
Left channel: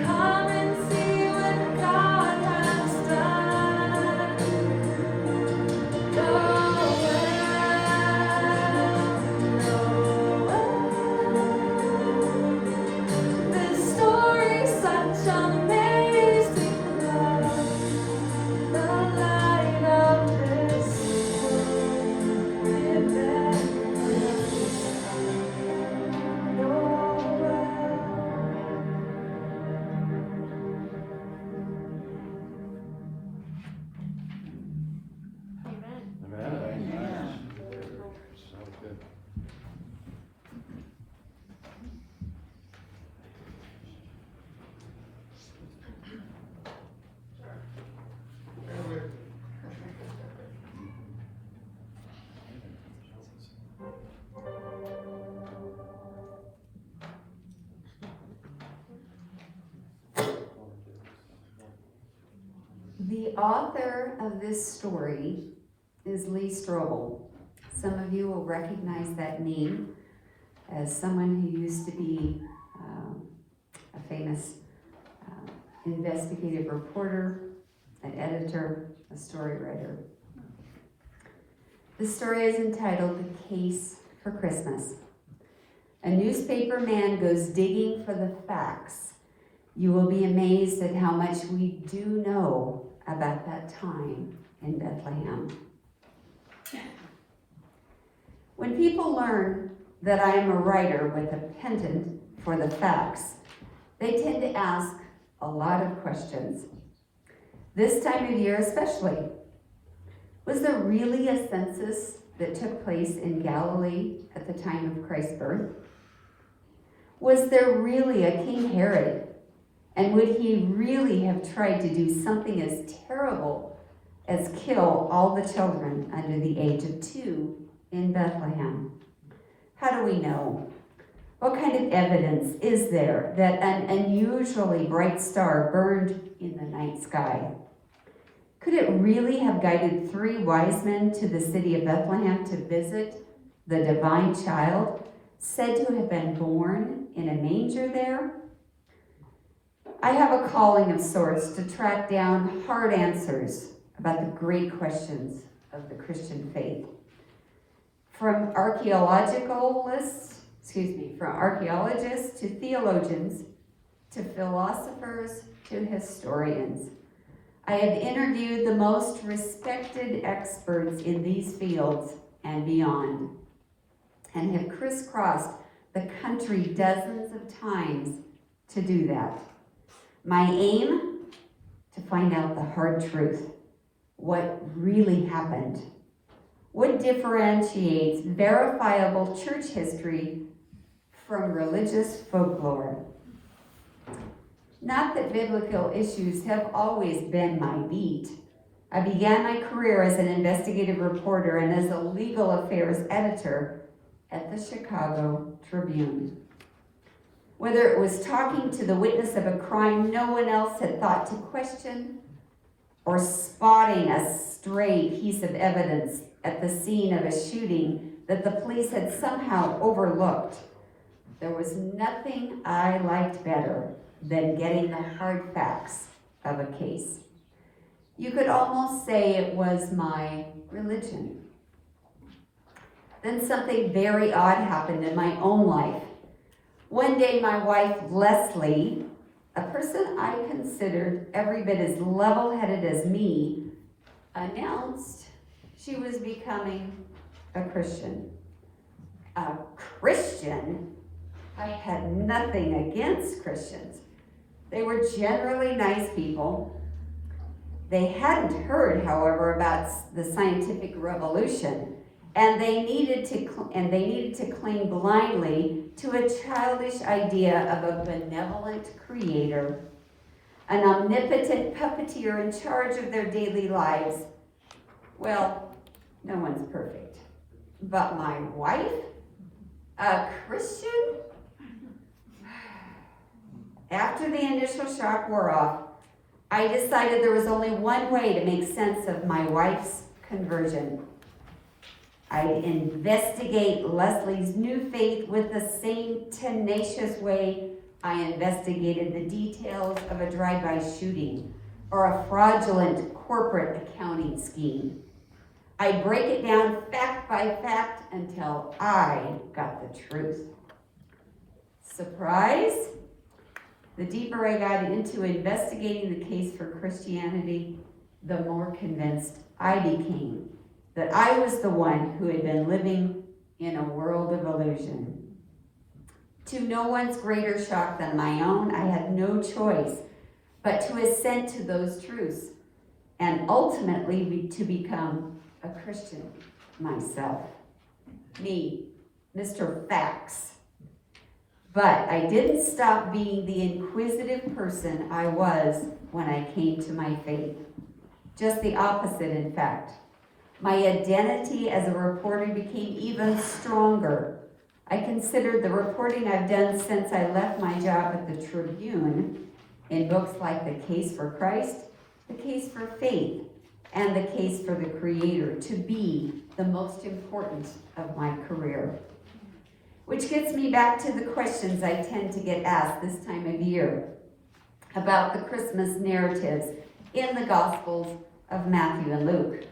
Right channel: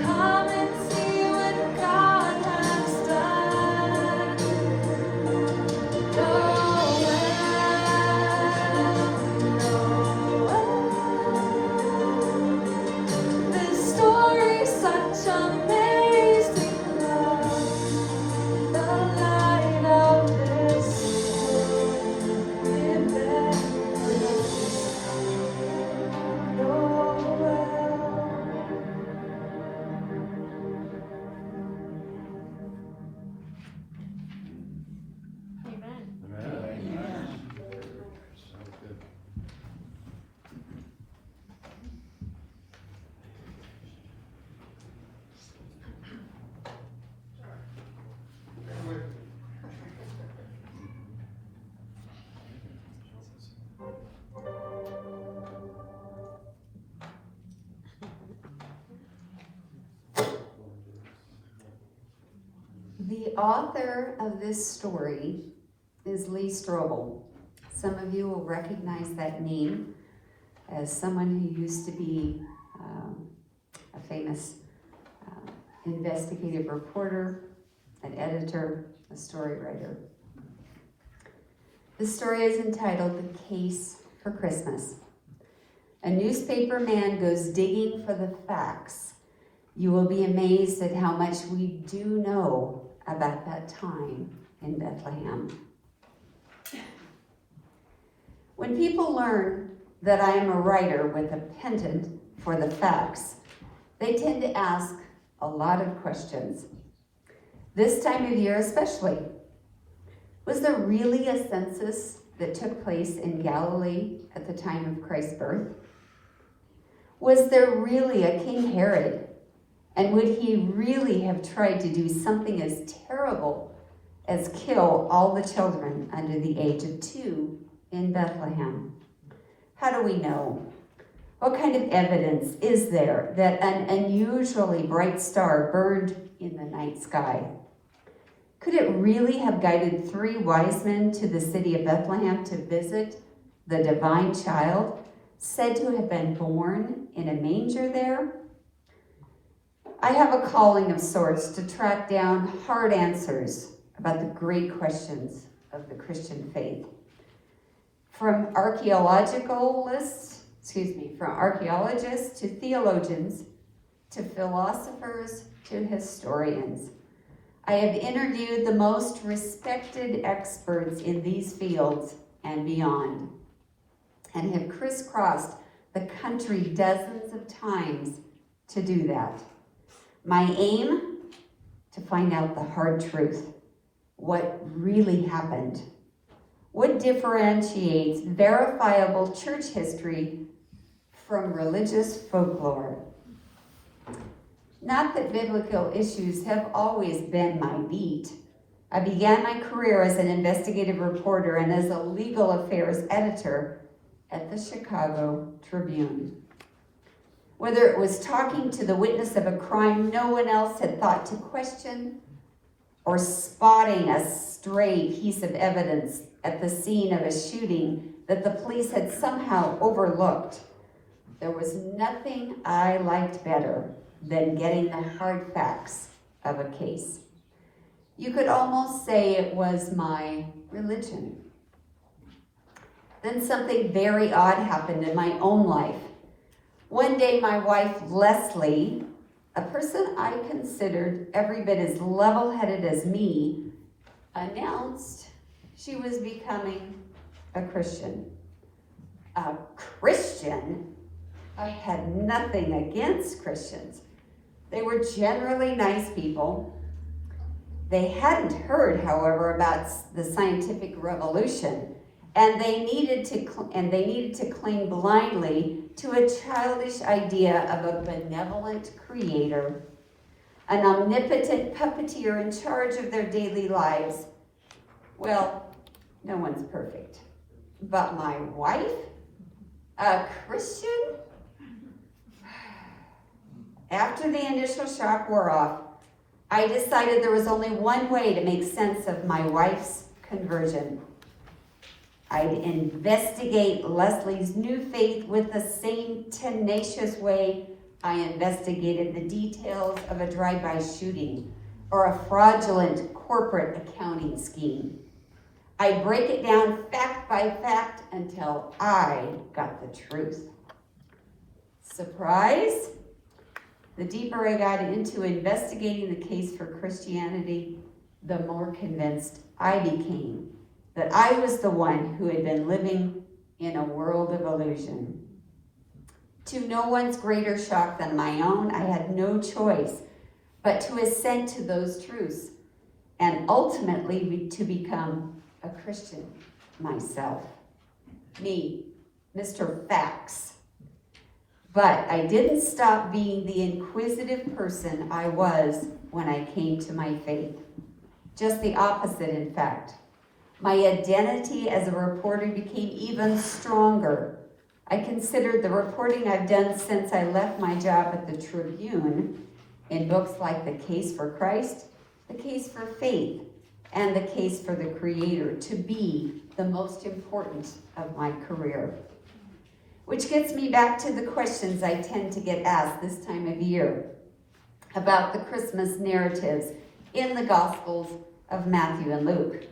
Come and see what God has done. This story's such amazing love, the light of this world, given Sounds good. The author of this story is Lee Strobel. Some of you will recognize that name as someone who used to be a famous investigative reporter, an editor, a story writer. The story is entitled The Case for Christmas. A newspaper man goes digging for the facts. You will be amazed at how much we do know about that time in Bethlehem. When people learn that I am a writer with a pendant for the facts, they tend to ask a lot of questions. This time of year especially. Was there really a census that took place in Galilee at the time of Christ's birth? Was there really a King Herod? And would he really have tried to do something as terrible as kill all the children under the age of 2 in Bethlehem? How do we know? What kind of evidence is there that an unusually bright star burned in the night sky? Could it really have guided 3 wise men to the city of Bethlehem to visit the divine child, said to have been born in a manger there? I have a calling of sorts to track down hard answers about the great questions of the Christian faith. From archaeologists to theologians, to philosophers, to historians. I have interviewed the most respected experts in these fields and beyond, and have crisscrossed the country dozens of times to do that. My aim? To find out the hard truth. What really happened? What differentiates verifiable church history from religious folklore? Not that biblical issues have always been my beat. I began my career as an investigative reporter and as a legal affairs editor at the Chicago Tribune. Whether it was talking to the witness of a crime no one else had thought to question, or spotting a stray piece of evidence at the scene of a shooting that the police had somehow overlooked, there was nothing I liked better than getting the hard facts of a case. You could almost say it was my religion. Then something very odd happened in my own life. One day my wife, Leslie, a person I considered every bit as level-headed as me, announced she was becoming a Christian. A Christian? I had nothing against Christians. They were generally nice people. They hadn't heard, however, about the scientific revolution, and they needed to cling blindly to a childish idea of a benevolent creator, an omnipotent puppeteer in charge of their daily lives. Well, no one's perfect. But my wife? A Christian? After the initial shock wore off, I decided there was only one way to make sense of my wife's conversion. I'd investigate Leslie's new faith with the same tenacious way I investigated the details of a drive-by shooting or a fraudulent corporate accounting scheme. I'd break it down fact by fact until I got the truth. Surprise? The deeper I got into investigating the case for Christianity, the more convinced I became that I was the one who had been living in a world of illusion. To no one's greater shock than my own, I had no choice but to assent to those truths and ultimately to become a Christian myself. Me, Mr. Facts. But I didn't stop being the inquisitive person I was when I came to my faith. Just the opposite, in fact. My identity as a reporter became even stronger. I considered the reporting I've done since I left my job at the Tribune, in books like The Case for Christ, The Case for Faith, and The Case for the Creator, to be the most important of my career. Which gets me back to the questions I tend to get asked this time of year about the Christmas narratives in the Gospels of Matthew and Luke.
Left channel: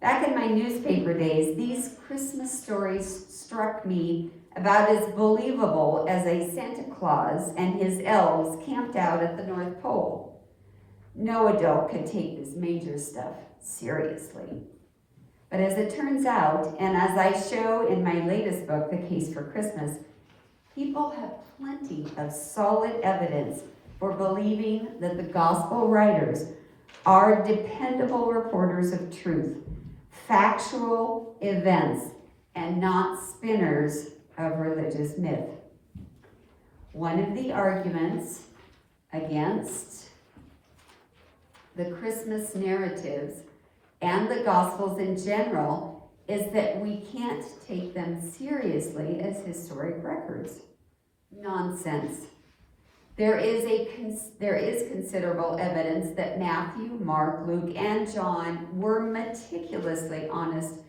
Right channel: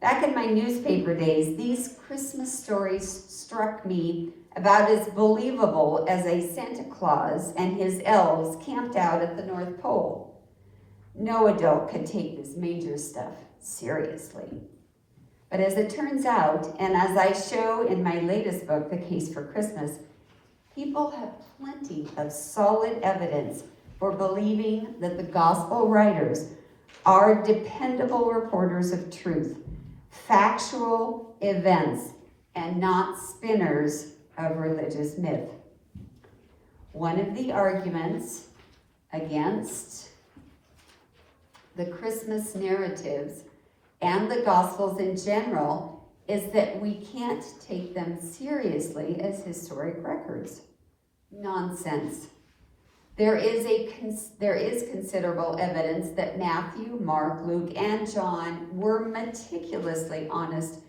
Back in my newspaper days, these Christmas stories struck me about as believable as a Santa Claus and his elves camped out at the North Pole. No adult could take this major stuff seriously. But as it turns out, and as I show in my latest book, The Case for Christmas, people have plenty of solid evidence for believing that the gospel writers are dependable reporters of truth, factual events, and not spinners of religious myth. One of the arguments against the Christmas narratives and the Gospels in general is that we can't take them seriously as historic records. Nonsense. There is considerable evidence that Matthew, Mark, Luke, and John were meticulously honest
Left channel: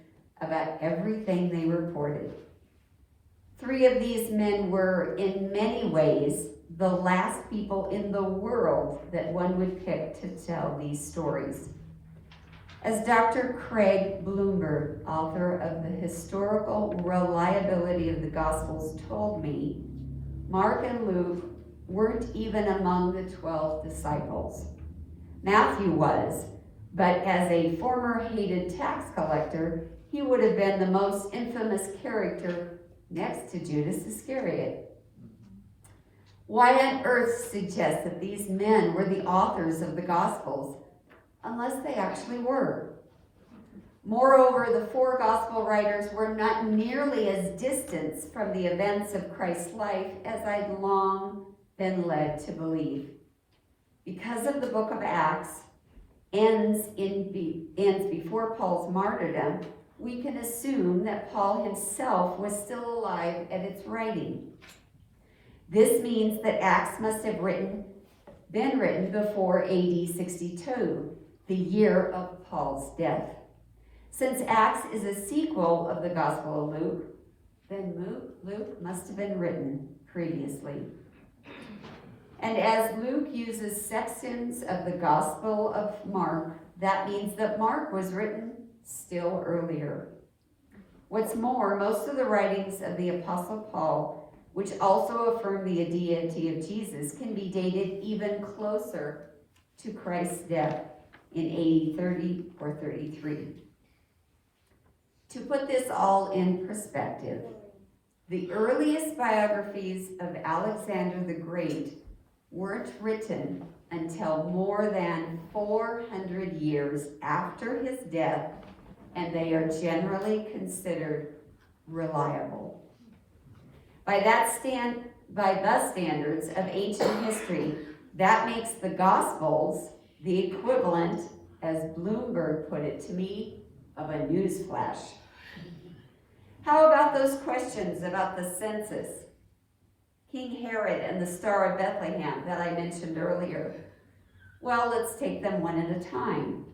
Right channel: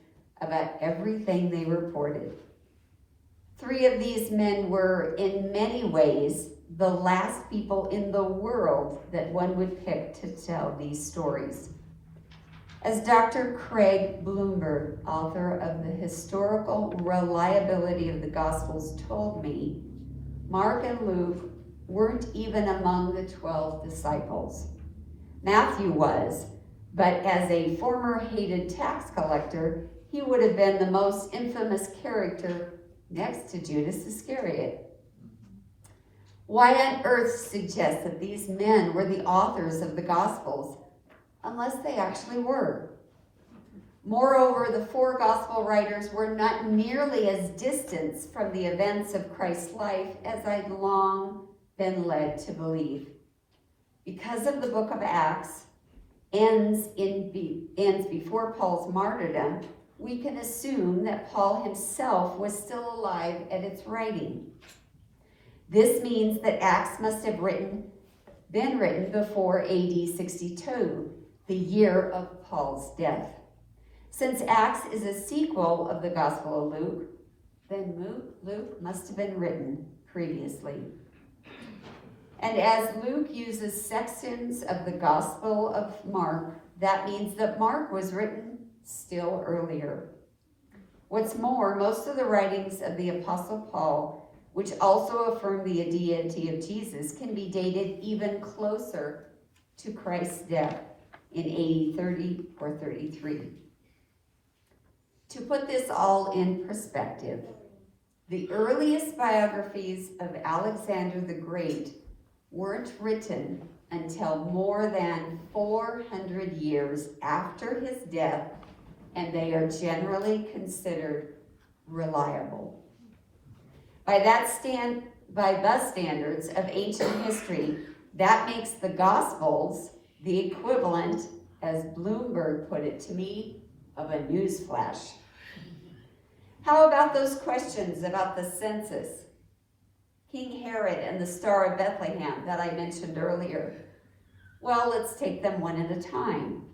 about everything they reported. 3 of these men were, in many ways, the last people in the world that one would pick to tell these stories. As Dr. Cle Elum, author of The Historical Reliability of the Gospels, told me, Mark and Luke weren't even among the 12 disciples. Matthew was, but as a former hated tax collector, he would have been the most infamous character next to Judas Iscariot. Why on earth suggest that these men were the authors of the Gospels, unless they actually were? Moreover, the 4 gospel writers were not nearly as distant from the events of Christ's life as I'd long been led to believe. Because of the book of Acts ends before Paul's martyrdom, we can assume that Paul himself was still alive at its writing. This means that Acts must have been written before AD 62, the year of Paul's death. Since Acts is a sequel of the Gospel of Luke, then Luke must have been written previously. And as Luke uses sections of the Gospel of Mark, that means that Mark was written still earlier. What's more, most of the writings of the Apostle Paul, which also affirm the deity of Jesus, can be dated even closer to Christ's death in AD 30 or 33. To put this all in perspective, the earliest biographies of Alexander the Great weren't written until more than 400 years after his death, and they are generally considered reliable. By the standards of ancient history, that makes the Gospels the equivalent, as Bloomberg put it to me, of a news flash. How about those questions about the census, King Herod and the Star of Bethlehem that I mentioned earlier? Well, let's take them one at a time.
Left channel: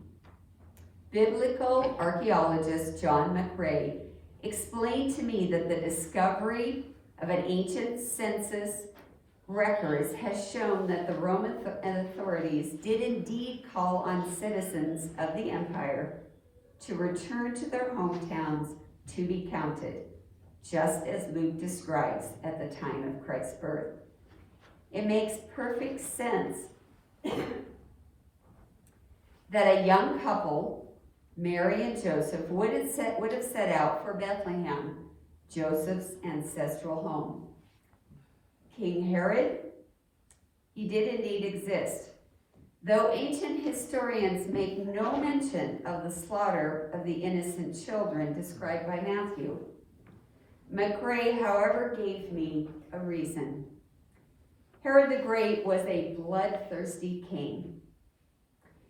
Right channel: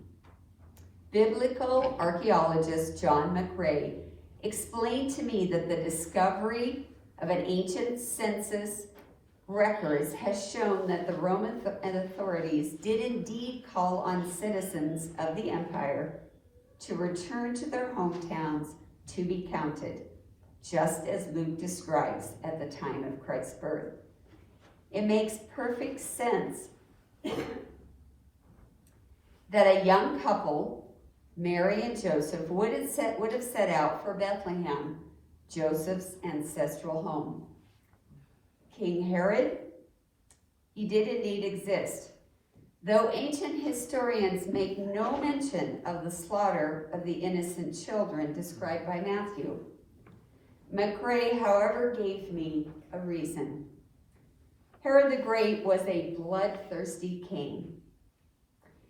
Biblical archaeologist John McRae explained to me that the discovery of an ancient census records has shown that the Roman authorities did indeed call on citizens of the empire to return to their hometowns to be counted, just as Luke describes at the time of Christ's birth. It makes perfect sense that a young couple, Mary and Joseph, would have set out for Bethlehem, Joseph's ancestral home. King Herod, he did indeed exist, though ancient historians make no mention of the slaughter of the innocent children described by Matthew. McRae, however, gave me a reason. Herod the Great was a bloodthirsty king.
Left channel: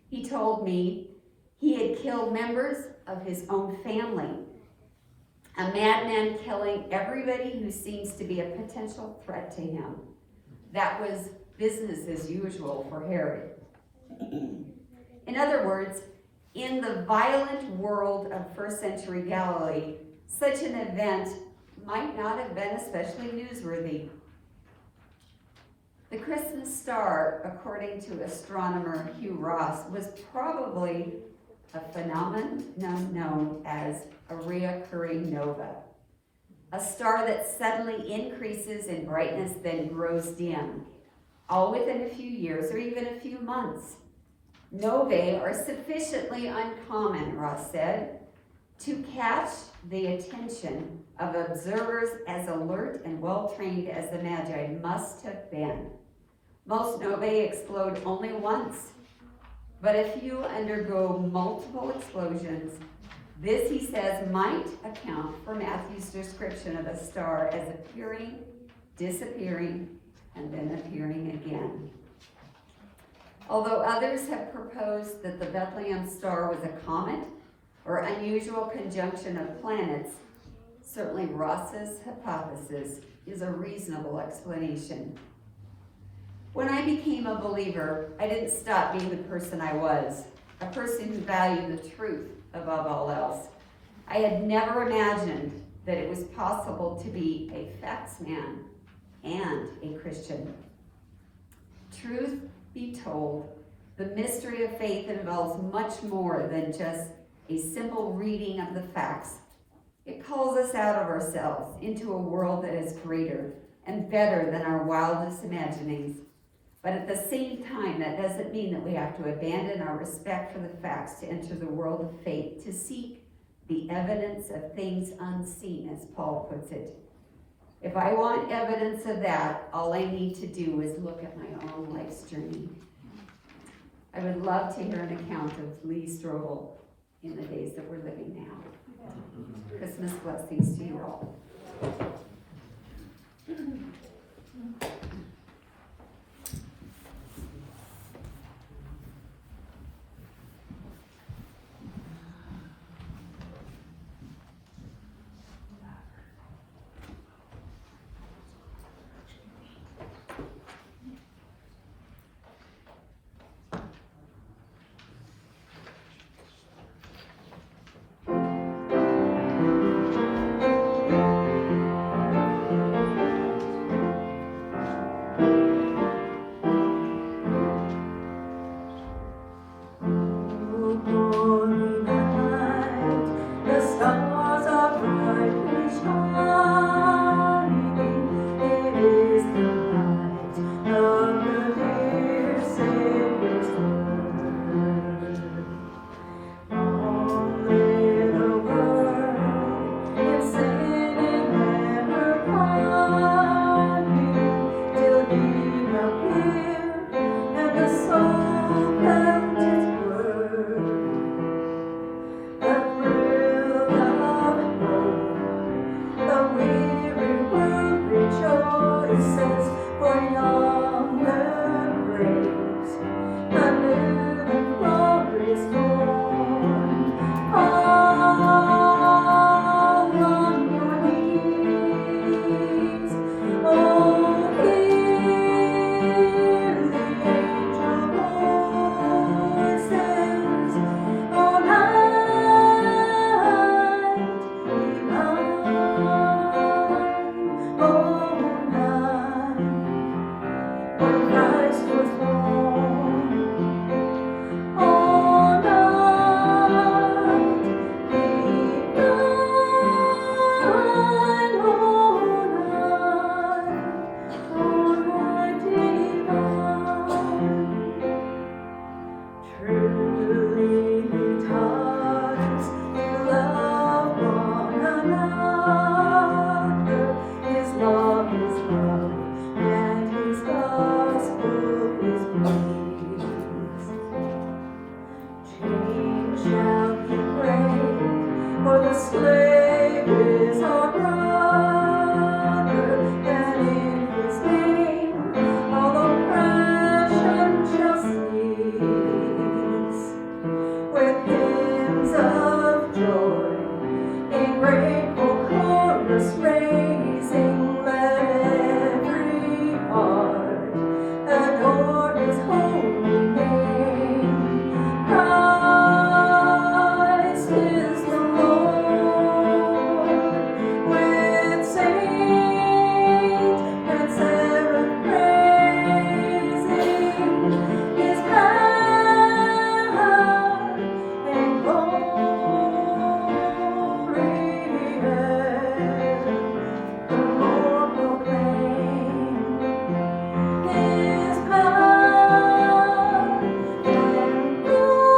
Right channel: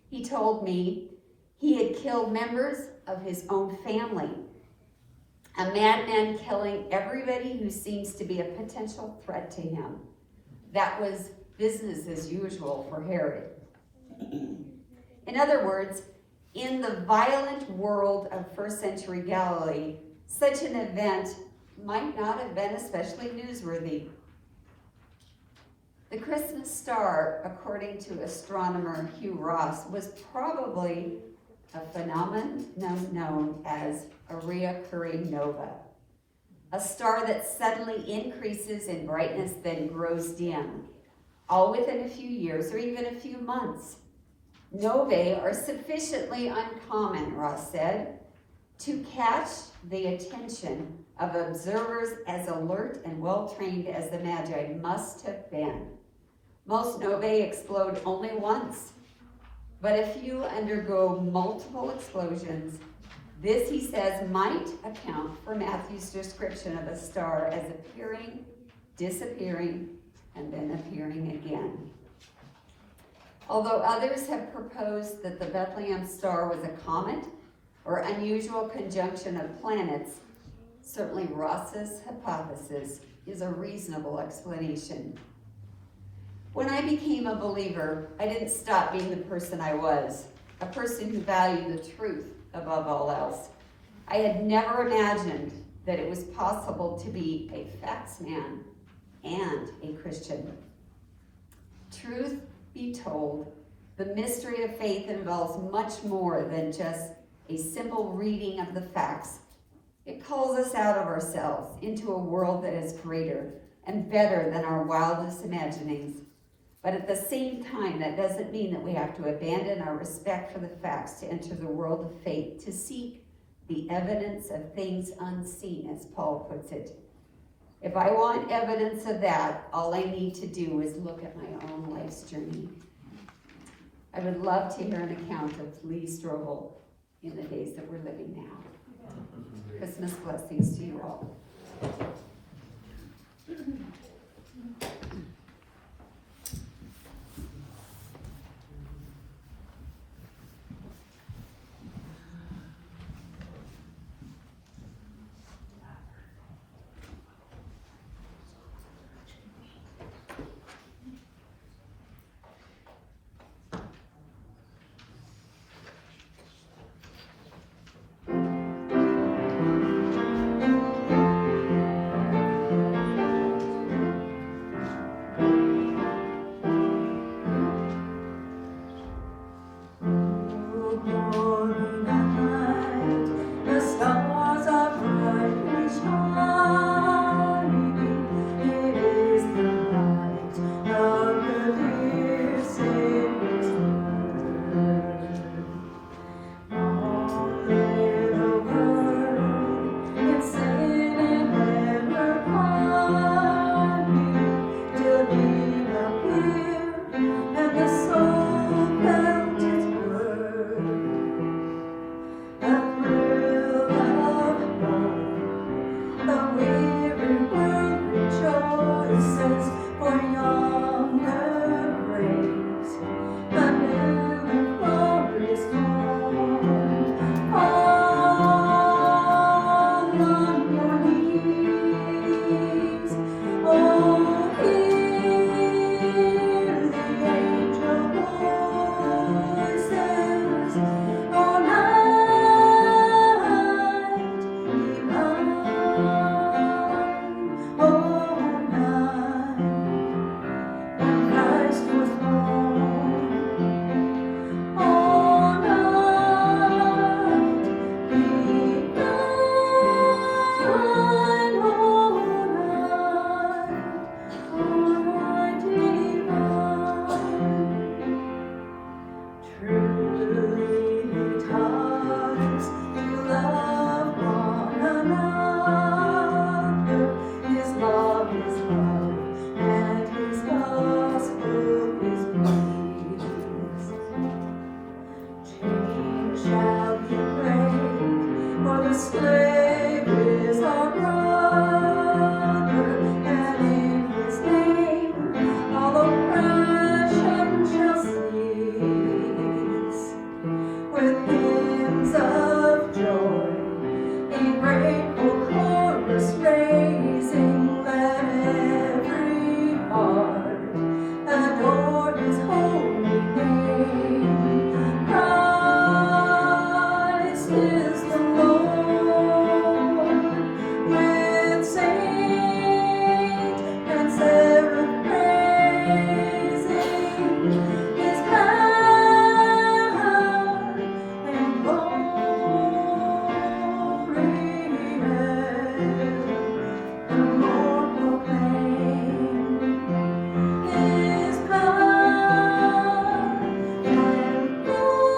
He told me he had killed members of his own family, a madman killing everybody who seems to be a potential threat to him. That was business as usual for Herod. In other words, in the violent world of first century Galilee, such an event might not have been especially newsworthy. The Christmas star, according to astronomer Hugh Ross, was probably a phenomenon known as a recurring nova, a star that suddenly increases in brightness then grows dim, all within a few years or even a few months. Novae are sufficiently uncommon, Ross said, to catch the attention of observers as alert and well-trained as the Magi must have been. Most novae explode only once, but a few undergo multiple explosions. This, he says, might account for Matthew's description of a star as appearing, disappearing, and then appearing again. Although others have proposed that the Bethlehem star was a comet or unusual conjunction of planets, certainly Ross's hypothesis is a reasonable explanation. When I became a believer, I didn't stop being the person I was, a person who valued the truth above all else. I had never imagined that it was possible to be a facts man and a Christian. Truth be told, the mystery of faith involves much more than just a simple reading of the facts. It calls us out of ourselves into a world that is greater and better than our wildest imaginings. But at the same time, that doesn't mean that we have to abandon our respect for the facts to enter the world of faith, to seek the evidence of things unseen, as Paul puts it. If I want evidence of that, all I need to do is look at my own life's journey. I would love to hear an account of Lee Strobel in the days that we're living now. Christmas blessings to you all. His holy name. Christ is the Lord, with saints and seraph praising His power and glory. The Lord proclaim His power and glory,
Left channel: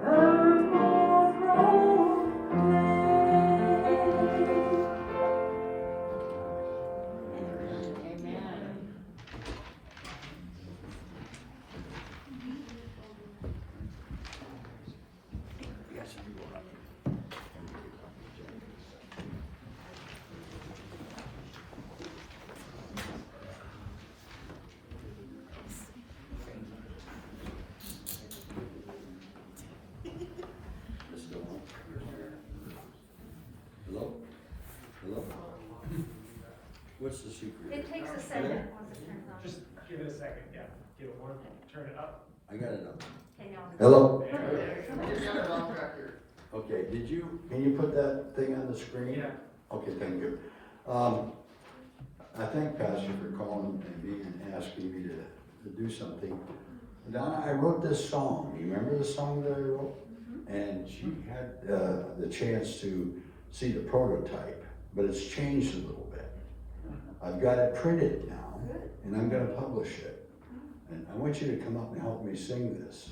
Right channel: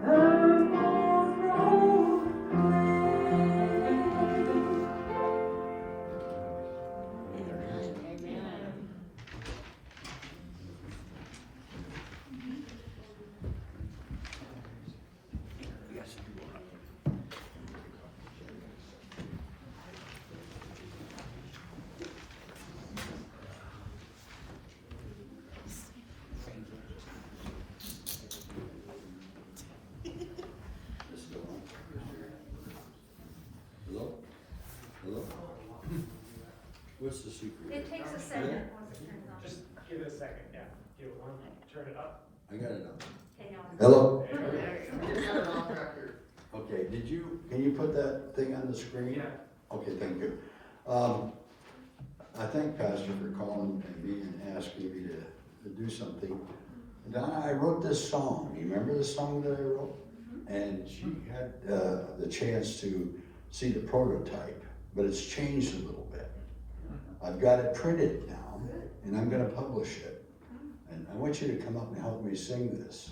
evermore proclaim. Hello? Hello? What's the secret? It takes a second. Just give it a second, yeah. Give it one, turn it up. I got it up. Okay, now. Hello? Okay, can you put that thing on the screen? Yeah. Okay, thank you. I thank Pastor for calling me and asking me to do something. Donna, I wrote this song. You remember the song that I wrote? And she had the chance to see the prototype, but it's changed a little bit. I've got it printed now, and I'm gonna publish it. And I want you to come up and help me sing this.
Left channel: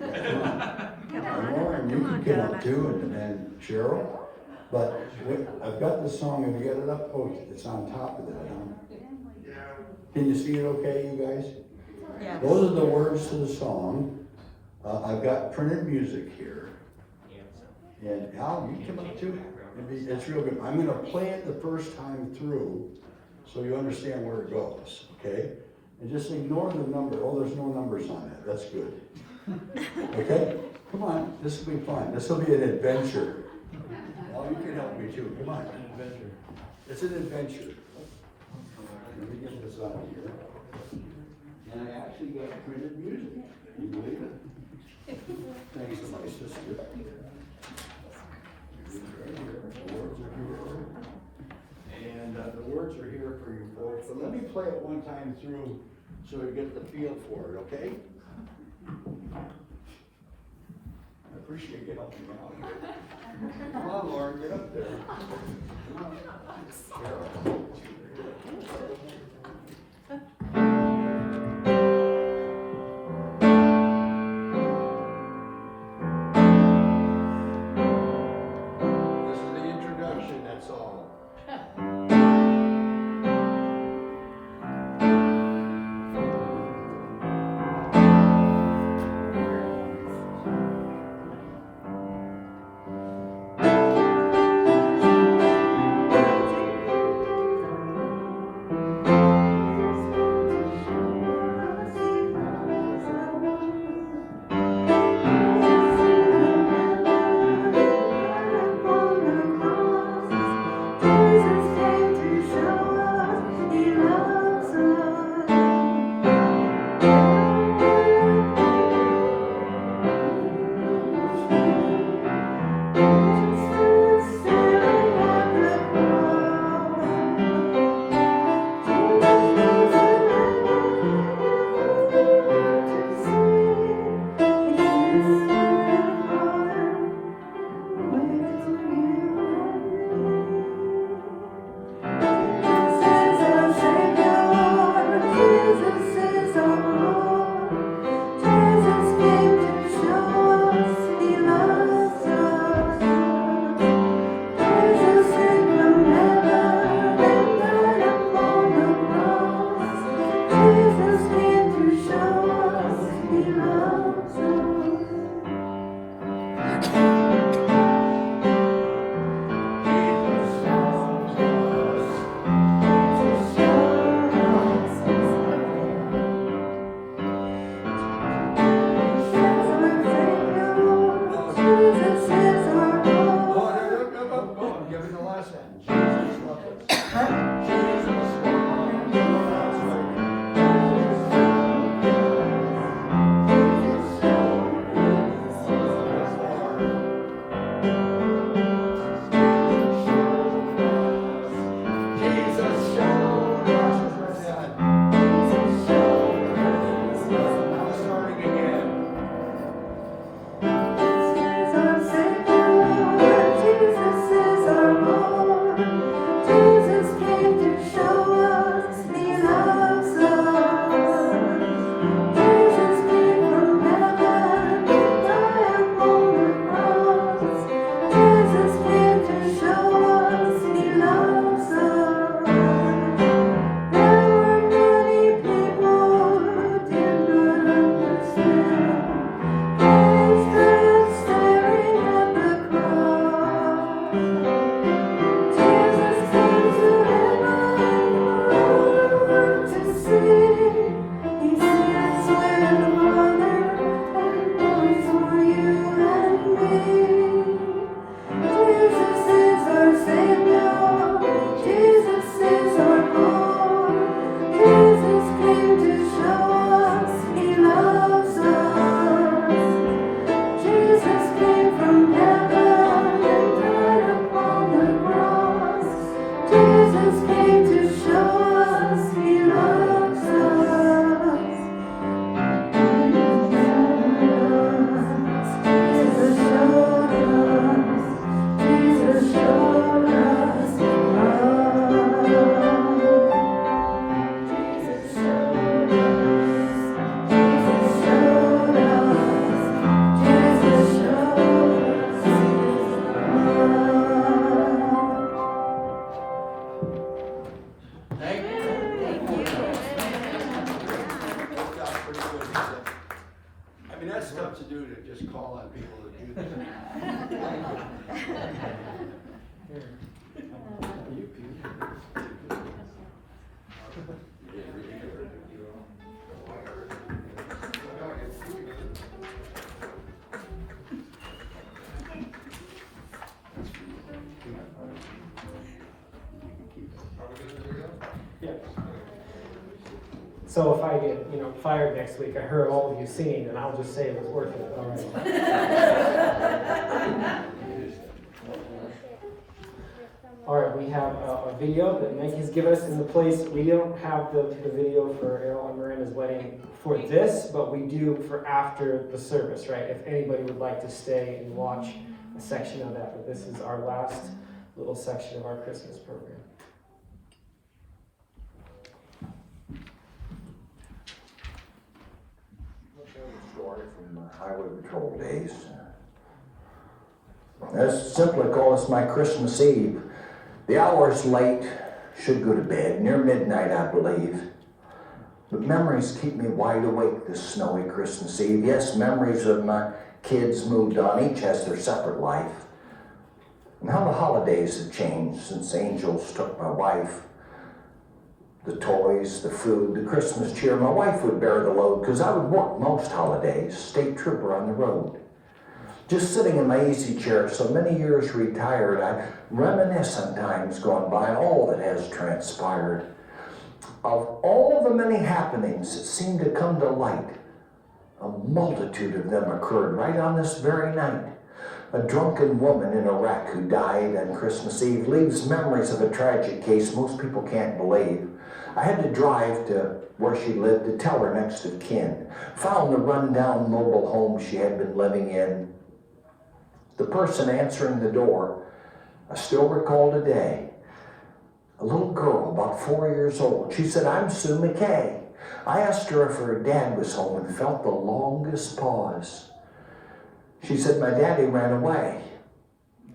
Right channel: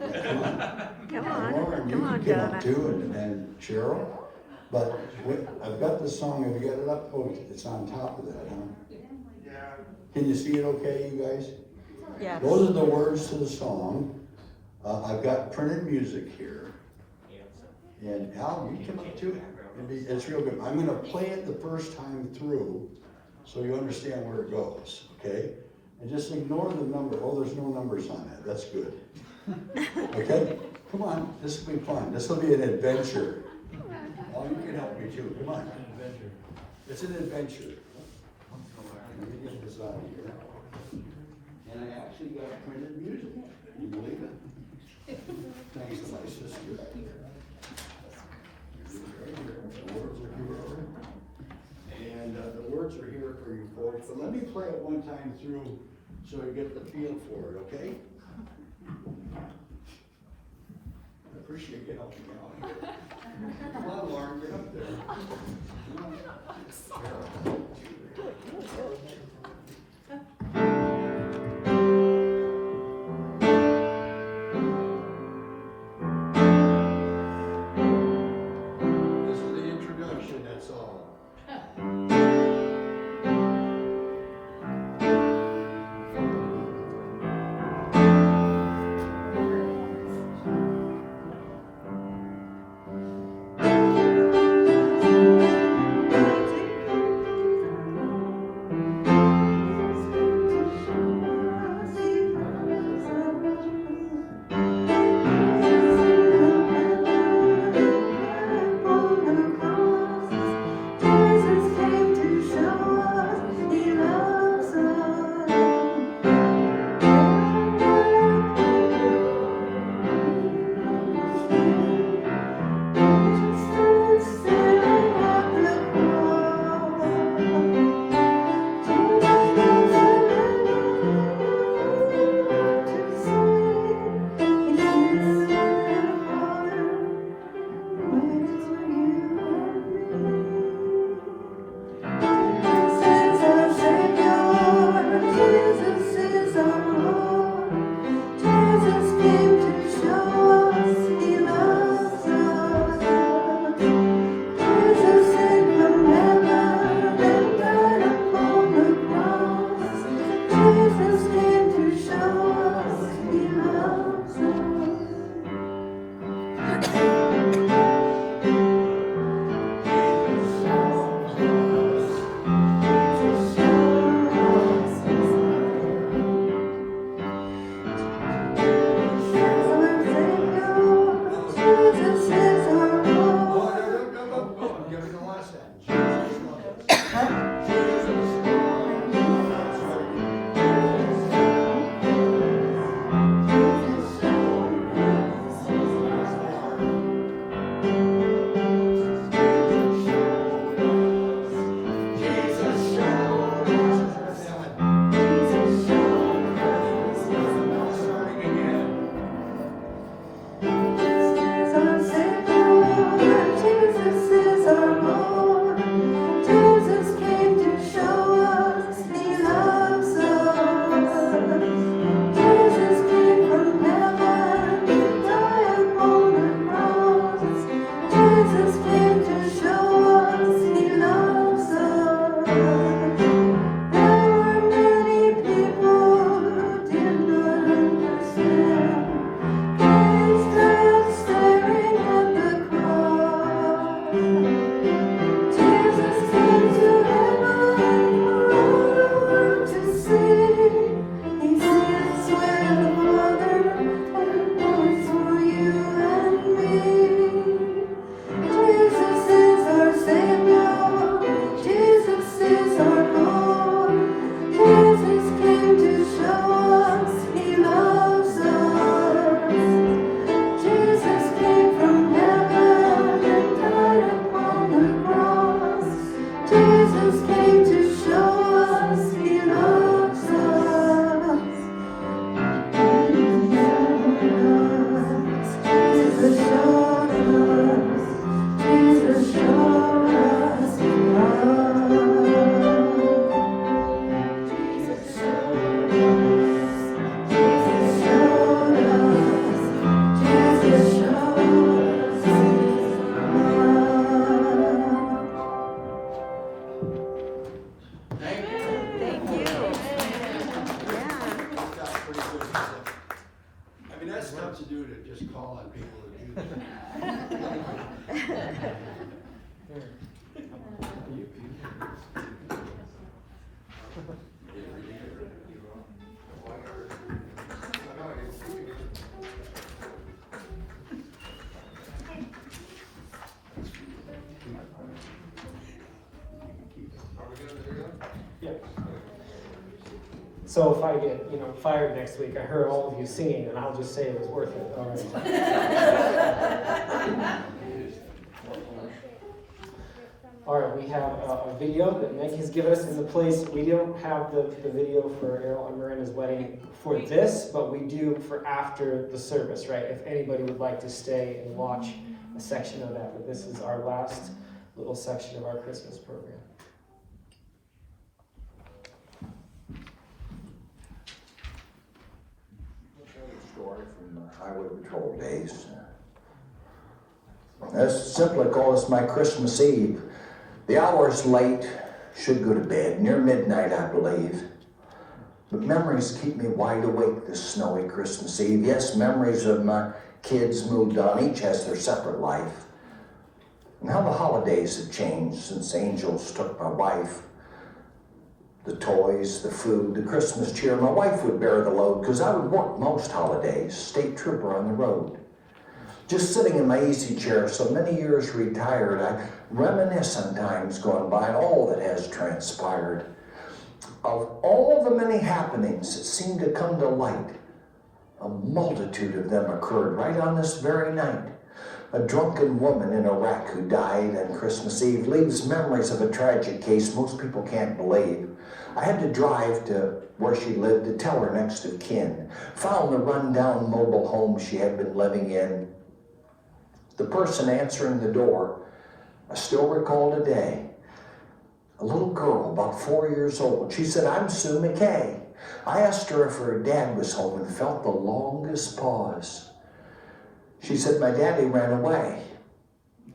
Yeah, come on. Lauren, you can come up too, and Cheryl. But I've got the song, have you got it up? Oh, it's on top of that, huh? Can you see it okay, you guys? Yeah. Those are the words to the song. I've got printed music here. And Al, you come up too. It's real good. I'm gonna play it the first time through, so you understand where it goes, okay? And just ignore the number. Oh, there's no numbers on that. That's good. Okay? Come on, this will be fun. This will be an adventure. Al, you can help me too. Come on. It's an adventure. Let me get this out of here. And I actually got printed music. Can you believe it? Thanks to my sister. The words are here. And the words are here for you folks. But let me play it one time through so you get the feel for it, okay? I appreciate you helping me out here. Come on, Lauren, get up there. Come on. This is the introduction, that's all. has work to do to just call on people to do that. So if I get, fired next week, I heard all of you singing, and I'll just say it was worth it. All right. All right, we have a video that Nick has given us in the place. We don't have the video for Errol and Miranda's wedding for this, but we do for after the service, right? If anybody would like to stay and watch a section of that, but this is our last little section of our Christmas program. Story from the Highway Patrol days. I simply call this my Christmas Eve. The hour's late, should go to bed, near midnight I believe. But memories keep me wide awake this snowy Christmas Eve. Yes, memories of my kids moved on, each has their separate life. And how the holidays have changed since angels took my wife. The toys, the food, the Christmas cheer. My wife would bear the load because I would work most holidays, state trooper on the road. Just sitting in my easy chair, so many years retired, I reminisce on times gone by and all that has transpired. Of all the many happenings that seem to come to light, a multitude of them occurred right on this very night. A drunken woman in Iraq who died on Christmas Eve leaves memories of a tragic case most people can't believe. I had to drive to where she lived to tell her next of kin. Found the rundown mobile home she had been living in. The person answering the door, I still recall today, a little girl about 4 years old. She said, "I'm Sue McKay." I asked her if her dad was home and felt the longest pause. She said, "My daddy ran away."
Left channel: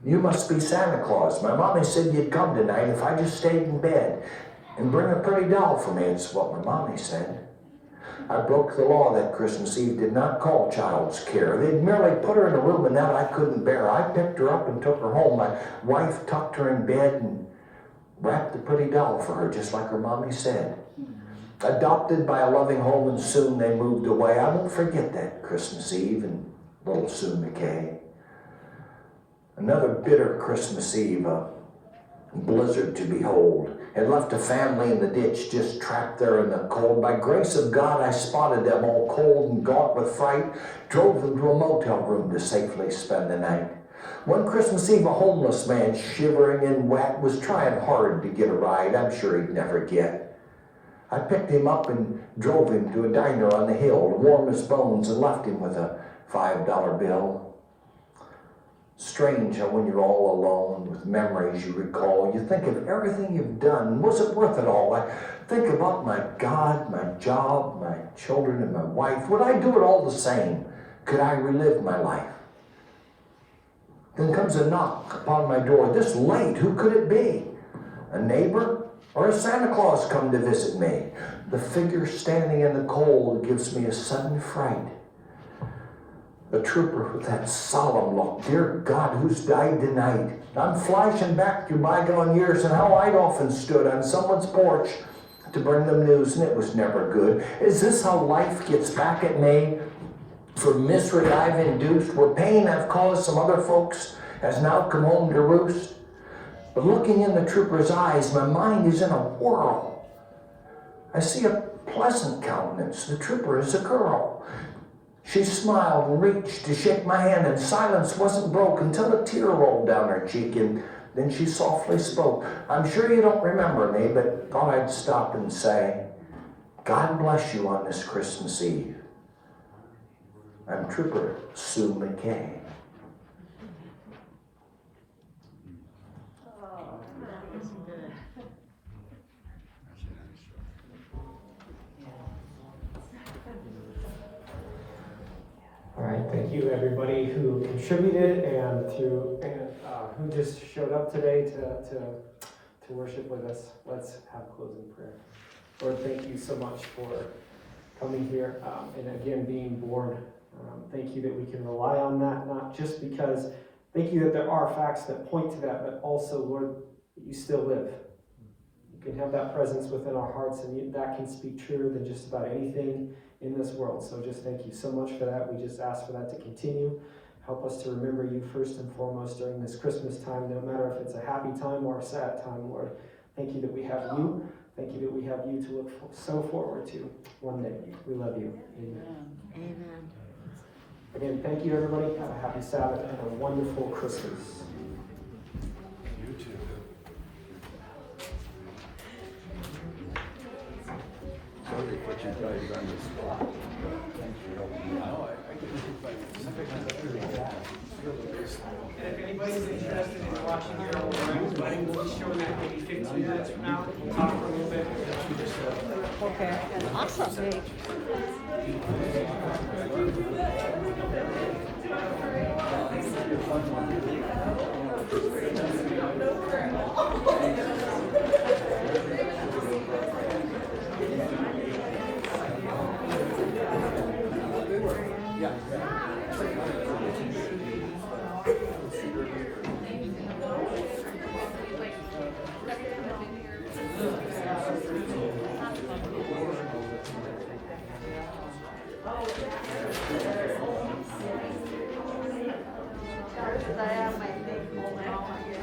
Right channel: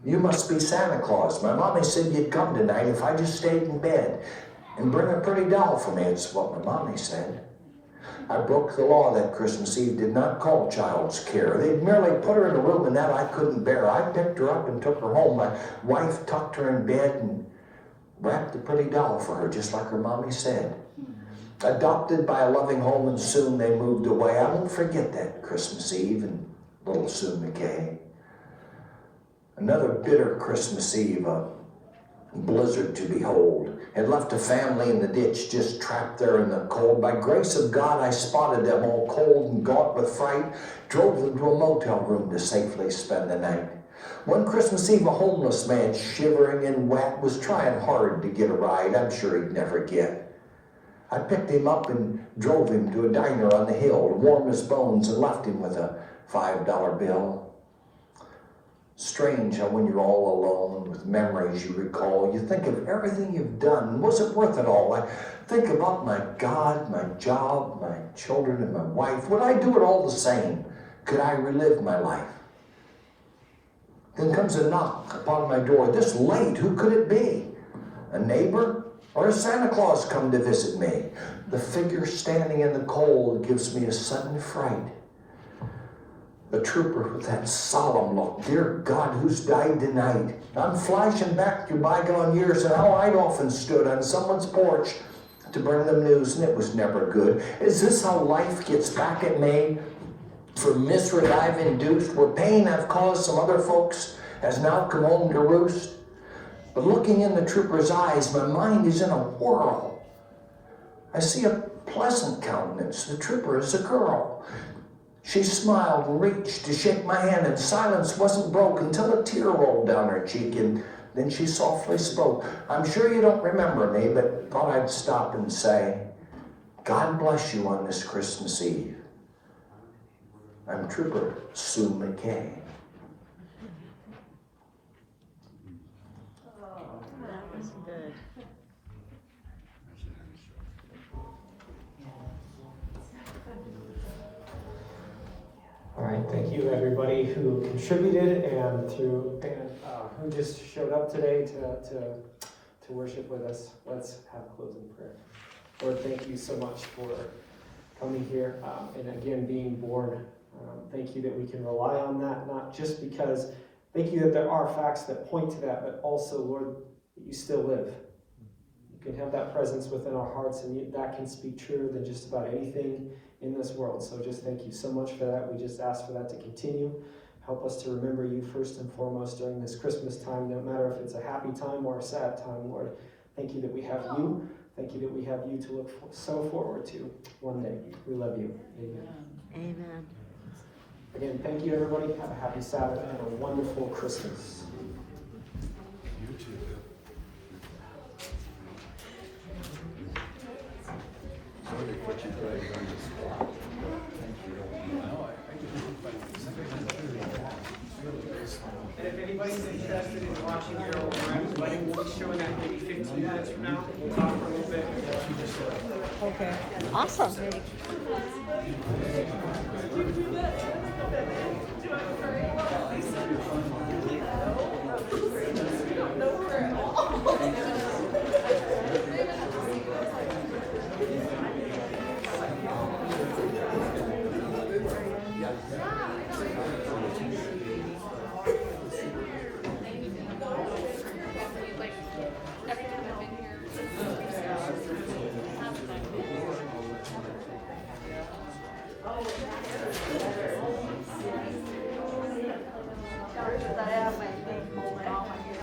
"You must be Santa Claus. My mommy said you'd come tonight if I just stayed in bed and bring a pretty doll for me." It's what my mommy said. I broke the law that Christmas Eve, did not call child's care. They'd merely put her in a room and that I couldn't bear. I picked her up and took her home. My wife tucked her in bed and wrapped the pretty doll for her, just like her mommy said. Adopted by a loving home and soon they moved away. I won't forget that Christmas Eve and little Sue McKay. Another bitter Christmas Eve, a blizzard to behold. Had left a family in the ditch, just trapped there in the cold. By grace of God, I spotted them all cold and gaunt with fright, drove them to a motel room to safely spend the night. One Christmas Eve, a homeless man, shivering and wet, was trying hard to get a ride I'm sure he'd never get. I picked him up and drove him to a diner on the hill to warm his bones and left him with a $5 bill. Strange how when you're all alone with memories you recall, you think of everything you've done. Was it worth it all? I think about my God, my job, my children, and my wife. Would I do it all the same? Could I relive my life? Then comes a knock upon my door. This late, who could it be? A neighbor? Or has Santa Claus come to visit me? The figure standing in the cold gives me a sudden fright. A trooper with that solemn look. Dear God, who's died tonight? I'm flashing back through bygone years and how I'd often stood on someone's porch to bring them news, and it was never good. Is this how life gets back at me? For misery I've induced, where pain I've caused some other folks has now come home to roost. But looking in the trooper's eyes, my mind is in a whirl. I see a pleasant countenance. The trooper is a girl. She smiled and reached to shake my hand, and silence wasn't broke until a tear rolled down her cheek, and then she softly spoke. I'm sure you don't remember me, but thought I'd stop and say, God bless you on this Christmas Eve. I'm Trooper Sue McKay. All right, thank you everybody who contributed and who just showed up today to worship with us. Let's have a closing prayer. Lord, thank you so much for coming here and again being born Thank you that we can rely on that, not just because, thank you that there are facts that point to that, but also, Lord, that you still live. You can have that presence within our hearts, and that can speak truer than just about anything in this world. So just thank you so much for that. We just ask for that to continue. Help us to remember you first and foremost during this Christmas time, no matter if it's a happy time or a sad time, Lord. Thank you that we have you. Thank you that we have you to look so forward to one day. We love you. Amen. Amen. Again, thank you, everybody. Have a happy Sabbath and a wonderful Christmas. You too. Sorry for you guys on the spot. And if anybody's interested in watching your old friend's wedding, we'll be showing that maybe 15 minutes from now. We'll talk for a little bit. Okay. Awesome. I have my thing holding all my ears.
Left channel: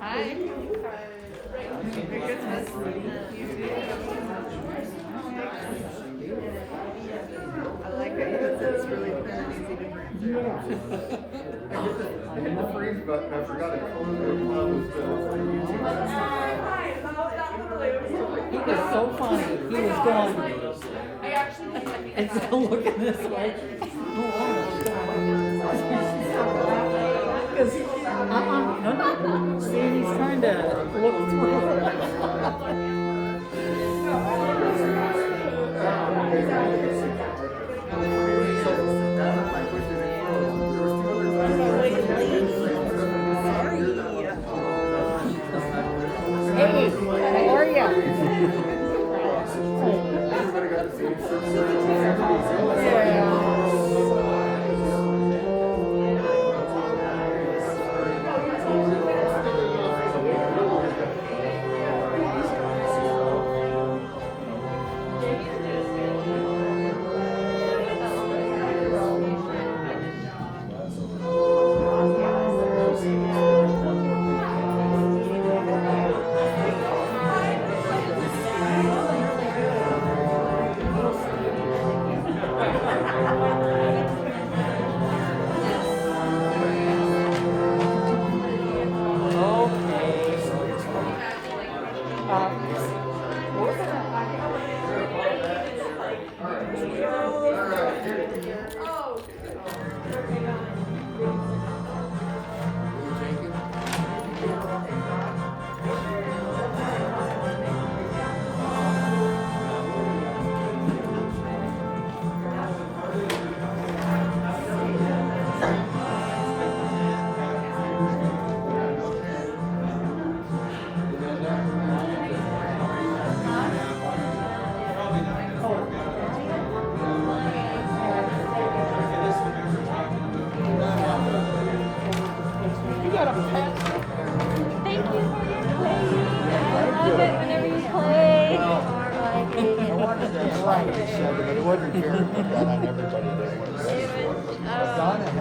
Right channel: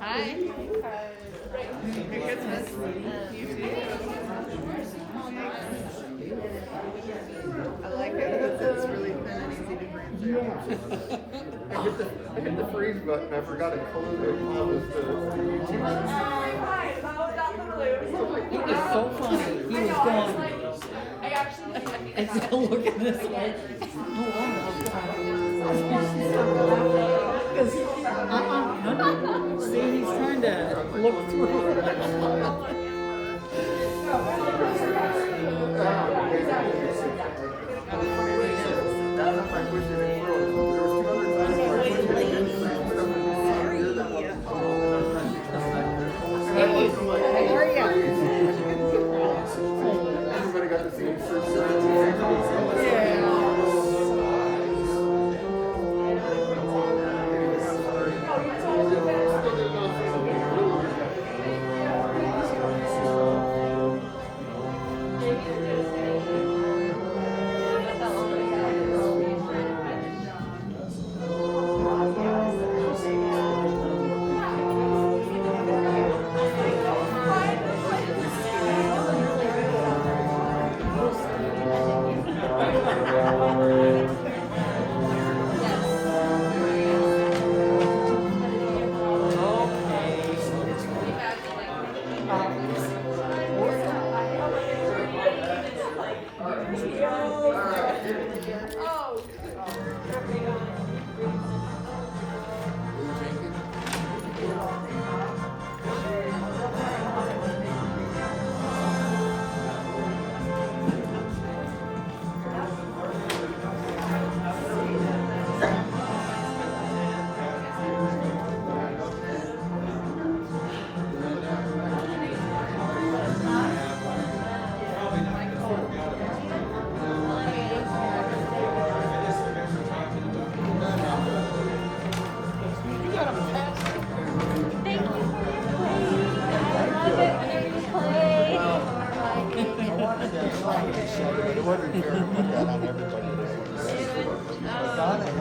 Hi. Merry Christmas. You too. I like it because it's really thin and easy to bring through. I hit the freeze button, I forgot to close the bottle. It was so funny. He was gone. And so looking this way. Oh, wow. Because, no. See, he's trying to look through. Hey, how are you?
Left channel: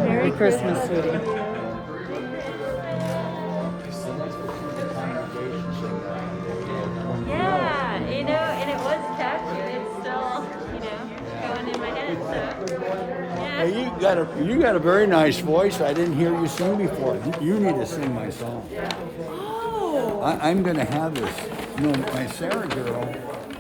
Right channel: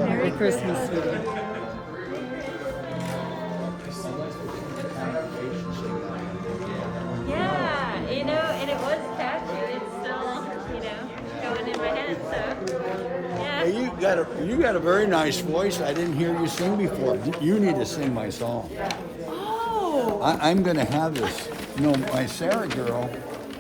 Merry Christmas, sweetie. Yeah, you know, and it was capture. It's still, you know, going in my head. So, yeah. Hey, you got a very nice voice. I didn't hear you sing before. You need to sing my song. Oh. I'm going to have this. You know, my Sarah girl,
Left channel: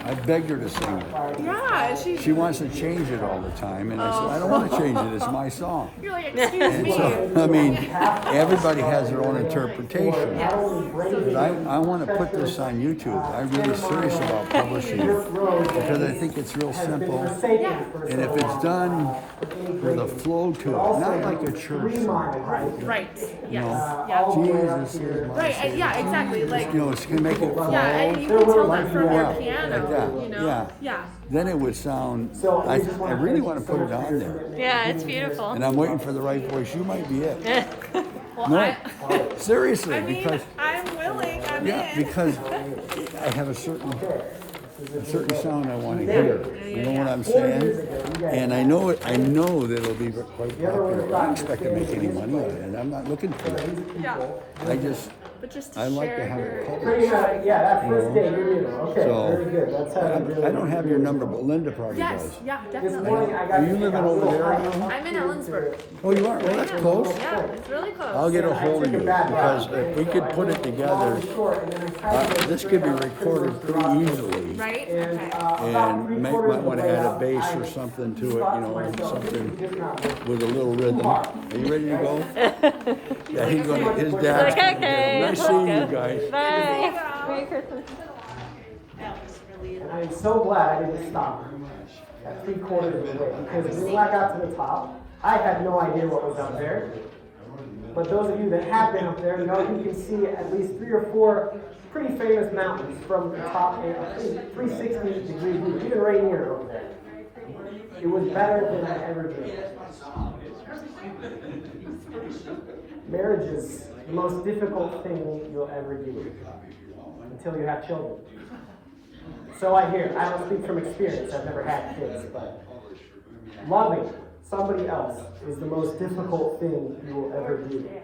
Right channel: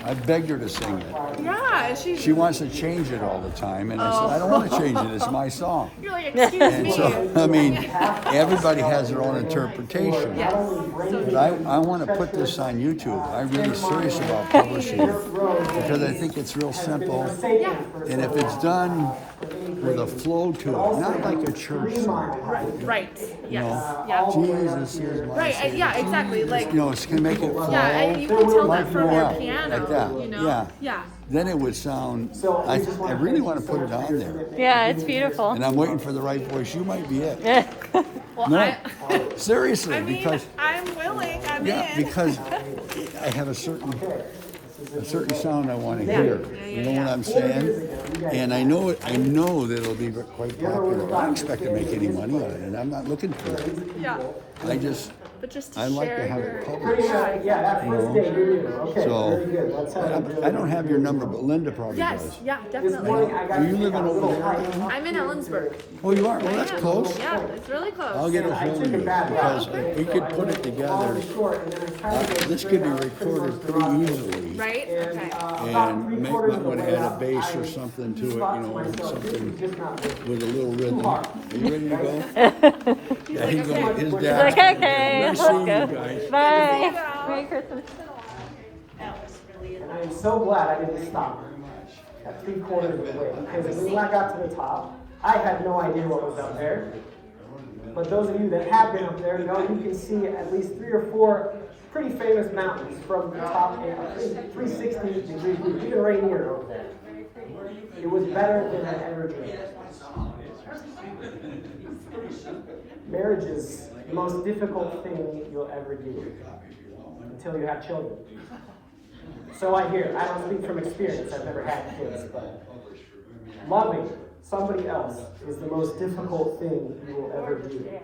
I begged her to sing it. Yeah, She wants to change it all the time, and I said, I don't want to change it. It's my song. You're like, excuse And me. so, I mean, everybody has their own interpretation. But I want to put this on YouTube. I'm really serious about publishing it because I think it's real simple. And if it's done with a flow to it, not like a church song. Right. You know, Yeah. Jesus is my Right, Savior. yeah, exactly. Like, You know, it's going to make it flow yeah, and you can tell like that from well, the piano, like that. you know? Yeah. Yeah. Then it would sound. I really want to put it on there. Yeah, it's beautiful. And I'm waiting for the right voice. You might be it. No, seriously, because I'm willing. because I have a certain sound I want to hear. You know what I'm saying? And I know that it'll be quite popular. I don't expect to make any money on it, and I'm not looking for that. I like to have it published. Yeah, that first day you knew. Okay, So, very good. That's how you do it. I don't have your number, but Linda probably Yes, does. yeah, This definitely. morning I got Are you living over there now? I'm in Elum-Ellensburg. Oh, you are? Oh, that's close. Yeah, it's really close. I'll get a hold of you because if we could put it together, this could be recorded pretty easily. Right? And And might want to add a bass or something to it, you know, something with a little rhythm. Are you ready to go? Yeah, he's going. His dad's. Okay. Nice seeing you guys. Bye. Merry Christmas. And I'm so glad I didn't stop at 3/4 of the way, because when I got to the top, I had no idea what was up there. But those of you that have been up there know you can see at least 3 or 4 pretty famous mountains from the top in a 360-degree view, even Rainier over there. It was better than I ever dreamed. Marriage is the most difficult thing you'll ever do until you have children. So I hear. I don't speak from experience. I've never had kids, but loving somebody else is the most difficult thing you will ever do.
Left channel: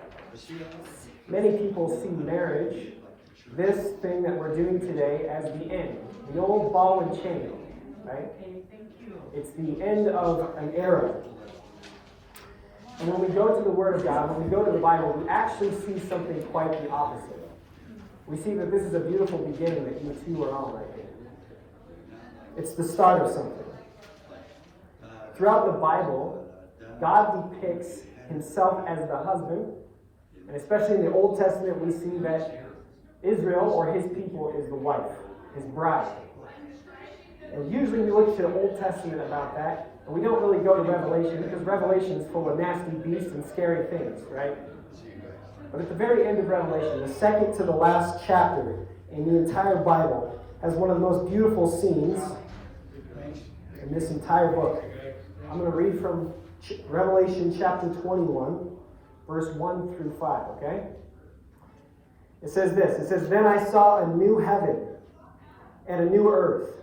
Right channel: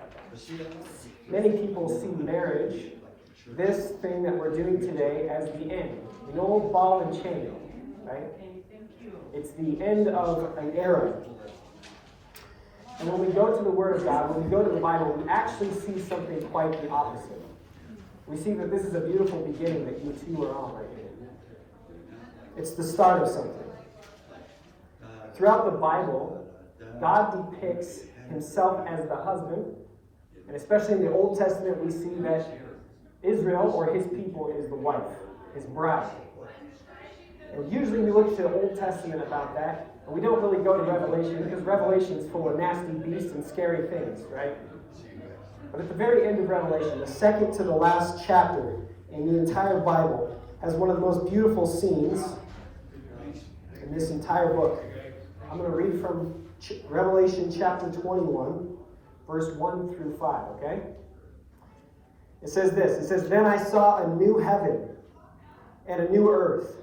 Many people see marriage, this thing that we're doing today, as the end. The old ball and chain, right? It's the end of an era. And when we go to the Word of God, when we go to the Bible, we actually see something quite the opposite. We see that this is a beautiful beginning that you two are on right here. It's the start of something. Throughout the Bible, God depicts himself as the husband, and especially in the Old Testament, we see that Israel, or his people, is the wife, his bride. And usually we look to the Old Testament about that, and we don't really go to Revelation, because Revelation is full of nasty beasts and scary things, right? But at the very end of Revelation, the second to the last chapter in the entire Bible, has one of the most beautiful scenes in this entire book. I'm going to read from Revelation chapter 21, verse 1 through 5, okay? It says this. It says, "Then I saw a new heaven and a new earth.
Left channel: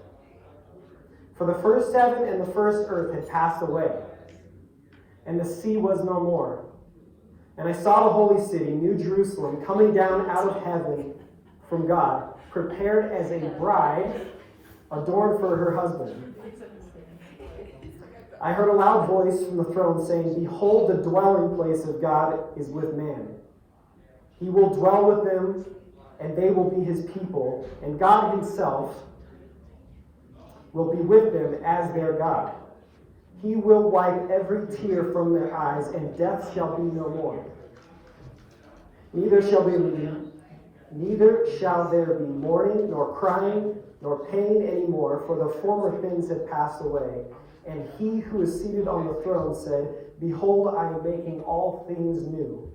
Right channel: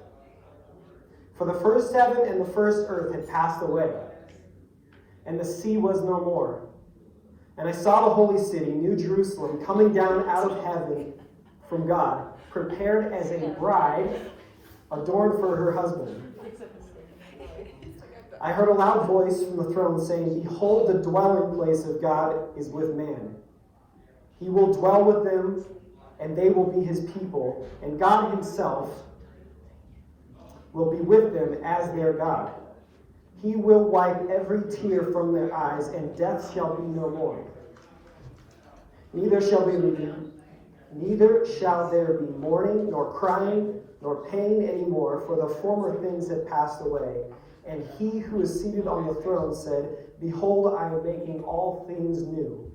For the first heaven and the first earth had passed away, and the sea was no more. And I saw the holy city, New Jerusalem, coming down out of heaven from God, prepared as a bride adorned for her husband. I heard a loud voice from the throne saying, 'Behold, the dwelling place of God is with man. He will dwell with them, and they will be his people, and God himself will be with them as their God. He will wipe every tear from their eyes, and death shall be no more. Neither shall there be mourning, nor crying, nor pain anymore, for the former things have passed away.' And he who is seated on the throne said, 'Behold, I am making all things new.'"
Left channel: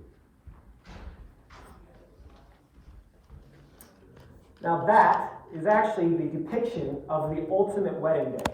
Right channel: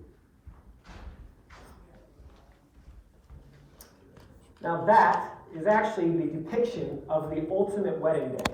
Now that is actually the depiction of the ultimate wedding day.